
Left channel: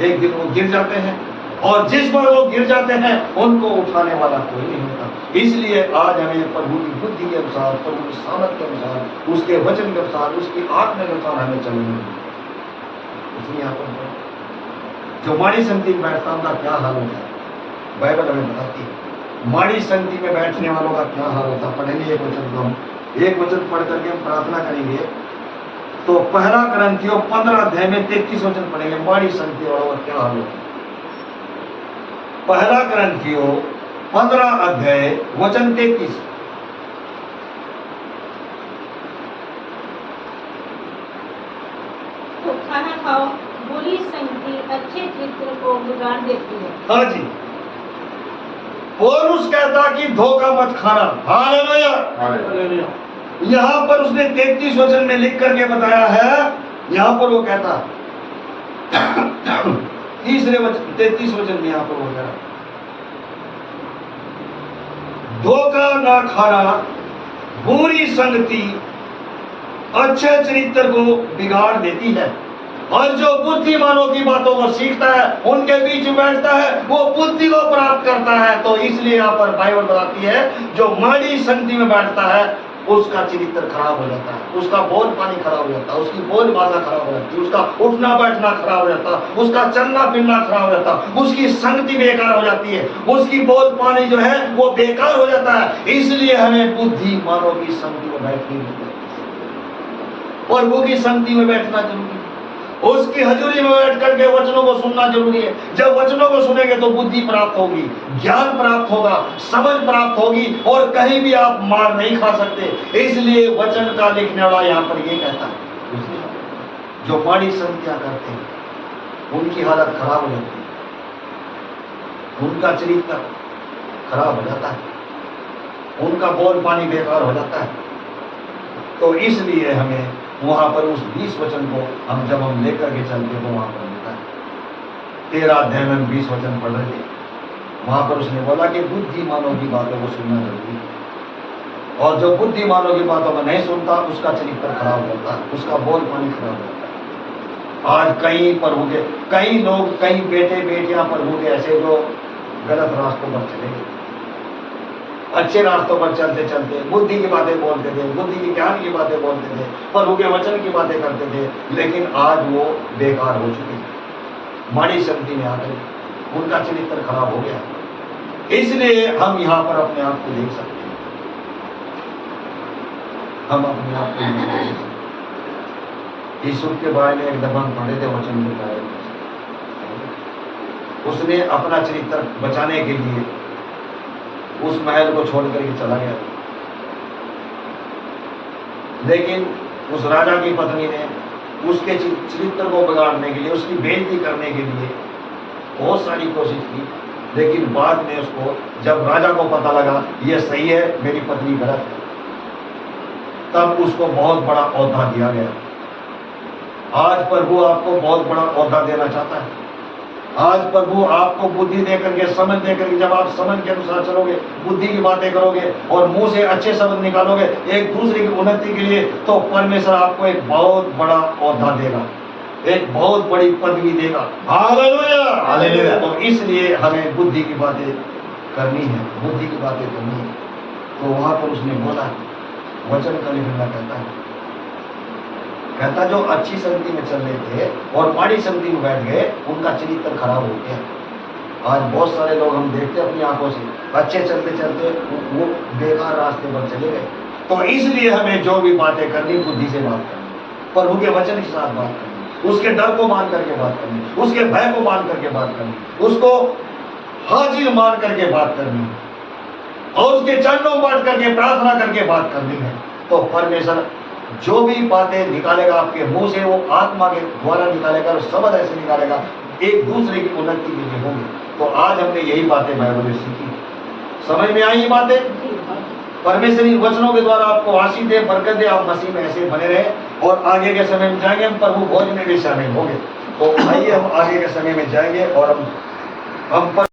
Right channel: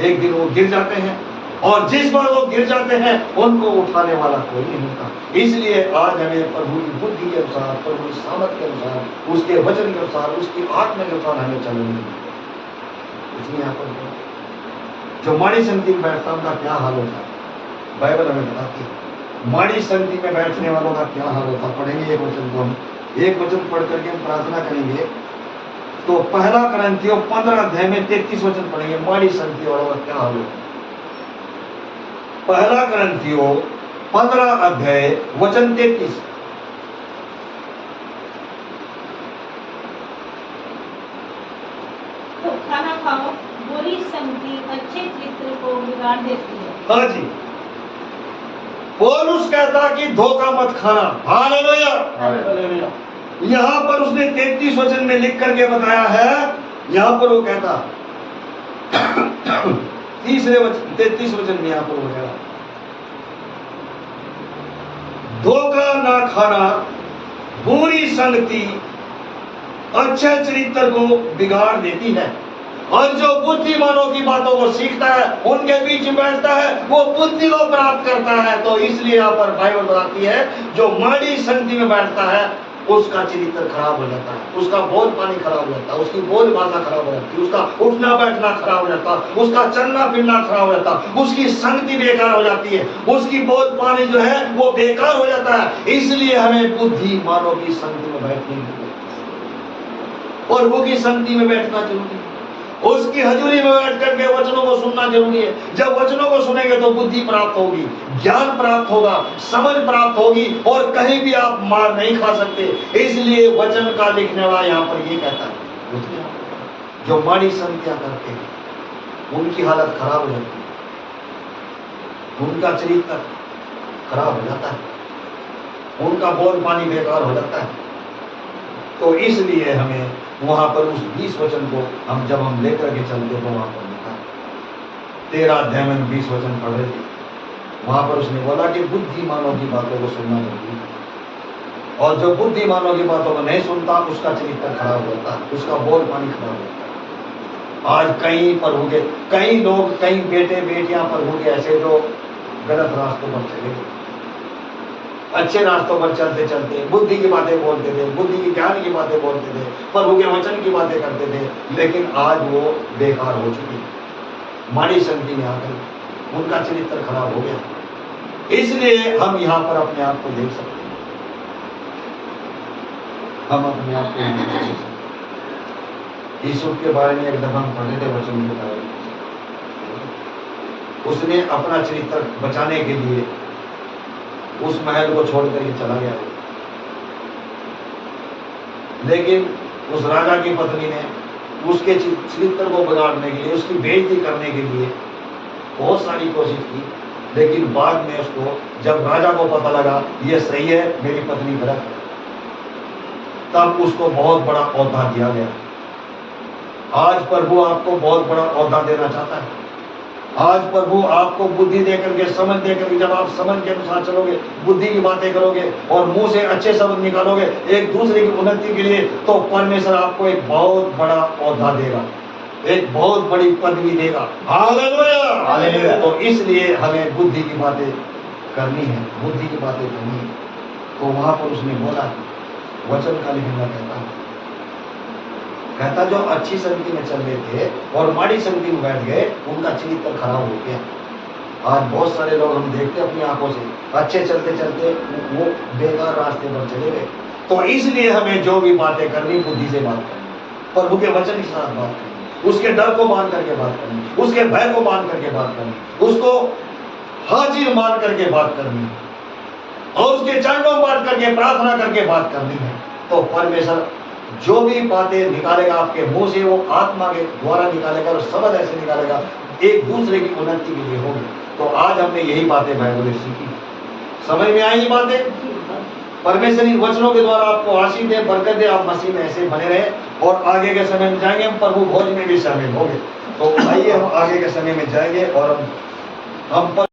एक दिन वो गिर जाते हैं, और जिस बार वो गिर जाते हैं उनको उठाने वाला कोई नहीं होता। इसलिए आज हमें प्रभु की बुद्धि के अनुसार, प्रभु की सामर्थ के अनुसार, उसके वचन के अनुसार, उसकी आत्मा के अनुसार हमें चलना है। इसलिए यहाँ पर जो माड़ी संगति में बैठता उनका क्या हाल होता है, बाइबल हमें बताती है। माड़ी संगति में बैठने वालों का क्या हाल होता है। पढ़ेंगे एक वचन को, हम एक वचन पढ़ करके हम प्रार्थना करेंगे। तो पहला करंथियों 15 अध्याय में 33 वचन पढ़ेंगे, माड़ी संगति वालों का क्या हाल होता है। पहला करंथियों 15 अध्याय वचन 33। तो खाना खाओ, बुरी संगति अच्छे चित्र को बिगाड़ देती है। हाँ जी, पौलुस कहता कि धोखा मत खाना। हालेलुया। यहाँ पर उसने 33 वचन में लिख करके बताया है। यहाँ पर वो कहता 33 वचन में यहाँ पर वो कहता धोखा ना खाना, बुरी संगति अच्छे चरित्र को बिगाड़ देती है। और जो बुद्धिमानों की बातों को सीखता है, उनके बीच में बैठता है, वो बुद्धि को प्राप्त करता है। तो इसलिए यहाँ पर बाइबल बताती है, जो माड़ी संगति में बैठता है उसका चरित्र खराब हो जाता है, उसका बोल पानी खराब हो जाता है, उसकी बोल भाषा खराब हो जाती है, उसका उठना बैठना खराब हो जाता है, उसका चलना फिरना खराब हो जाता है, उसकी संगति बेकार हो जाती है, उसकी बोल पानी जो है वो बेकार हो जाता है। इसलिए हमें बुद्धिमानों की संगति में बैठने की, और वो की संगति में बैठना जरूरी है, उसकी हजूरी में बैठ करके वचनों को सुनना जरूरी है। जब वचनों को सुनेंगे तो बुद्धि प्राप्त होगी, ज्ञान प्राप्त होगा, समझ प्राप्त होगी, और कहीं भी आप मार नहीं खा सकते। इसलिए वचन का लिखने वाला यहाँ पर ये कहता है, जो माड़ी संगतियां करते हैं उनकी हालत खराब हो जाती है, उनका चरित्र खराब हो जाता है, उनका बोल पानी बेकार हो जाता है। तो इसलिए हमें वहां पर उस 20 वचन को हम जब हम लेकर के चलते तो वहां पर लिखा है, 13 अध्याय में 20 वचन पढ़ रहे थे, वहां पर उसने बोला कि बुद्धिमानों की बातों को सुनना जरूरी है, और जो बुद्धिमानों की बातों को नहीं सुनता उसका चरित्र खराब हो जाता है, उसका बोल पानी खराब हो जाता है। आज कई लोग, कई बेटे बेटियां प्रभु के ऐसे जो गलत रास्तों पर चले गए, अच्छे रास्तों पर चलते चलते बुद्धि की बातें बोलते थे, बुद्धि की ज्ञान की बातें बोलते थे, प्रभु के वचन की बातें करते थे, लेकिन आज वो बेकार हो चुकी है। माड़ी संगति में आकर उनका चरित्र खराब हो गया। इसलिए हम यहाँ पर अपने आप को देख सकते हैं, हम अपने आप को देख सकते हैं। यीशु के बारे में एक दफा हम पढ़े थे वचन के बारे में, उसने अपना चरित्र बचाने के लिए उस महल को छोड़ करके चला गया, लेकिन उस राजा की पत्नी ने उसके चरित्र को बिगाड़ने के लिए, उसकी बेइज्जती करने के लिए बहुत सारी कोशिश की, लेकिन बाद में उसको जब राजा को पता लगा ये सही है, मेरी पत्नी गलत है, तब उसको बहुत बड़ा ओहदा दिया गया। आज प्रभु आपको बहुत बड़ा ओहदा देना चाहता है। आज प्रभु आपको बुद्धि देकर के, समझ देकर के, जब आप समझ के अनुसार चलोगे, बुद्धि की बातें करोगे और मुंह से अच्छे शब्द निकालोगे एक दूसरे की उन्नति के लिए, तो परमेश्वर आपको एक बहुत बड़ा ओहदा देगा, एक बहुत बड़ी पदवी देगा। हालेलुया। तो इसलिए हमें बुद्धि की बातें करनी है, बुद्धि की बातें करनी है। तो वहां पर उसने बोला, वचन का लिखना कहता जो अच्छी संगति में चल रहे थे और माड़ी संगति में बैठ गए, उनका चरित्र खराब हो गया। आज बहुत सारे लोग हम देखते अपनी आंखों से, अच्छे चलते चलते वो बेकार रास्ते पर चले गए। तो इसलिए हमें जो भी बातें करनी, बुद्धि से बात करनी, प्रभु के वचन के साथ बात करनी, उसके डर को मान करके बात करनी, उसके भय को मान करके बात करनी, उसको हाजिर मान करके बात करनी और उसके चरणों में बात करके प्रार्थना करके बात करनी है। तो परमेश्वर जो भी बातें निकालेगा आपके मुंह से वो आत्मा के द्वारा निकालेगा और शब्द ऐसे निकालेगा एक दूसरे की उन्नति के लिए होंगे। तो आज हमने यही बातें बाइबल में सीखी, समझ में आई ये बातें। परमेश्वर इन वचनों के द्वारा आपको आशीष दे, बरकत दे, आप मसीह में ऐसे बने रहे और आगे के समय में जाएंगे हम प्रभु भोज में भी शामिल होंगे। तो आइए हम आगे के समय में जाएंगे और हम पर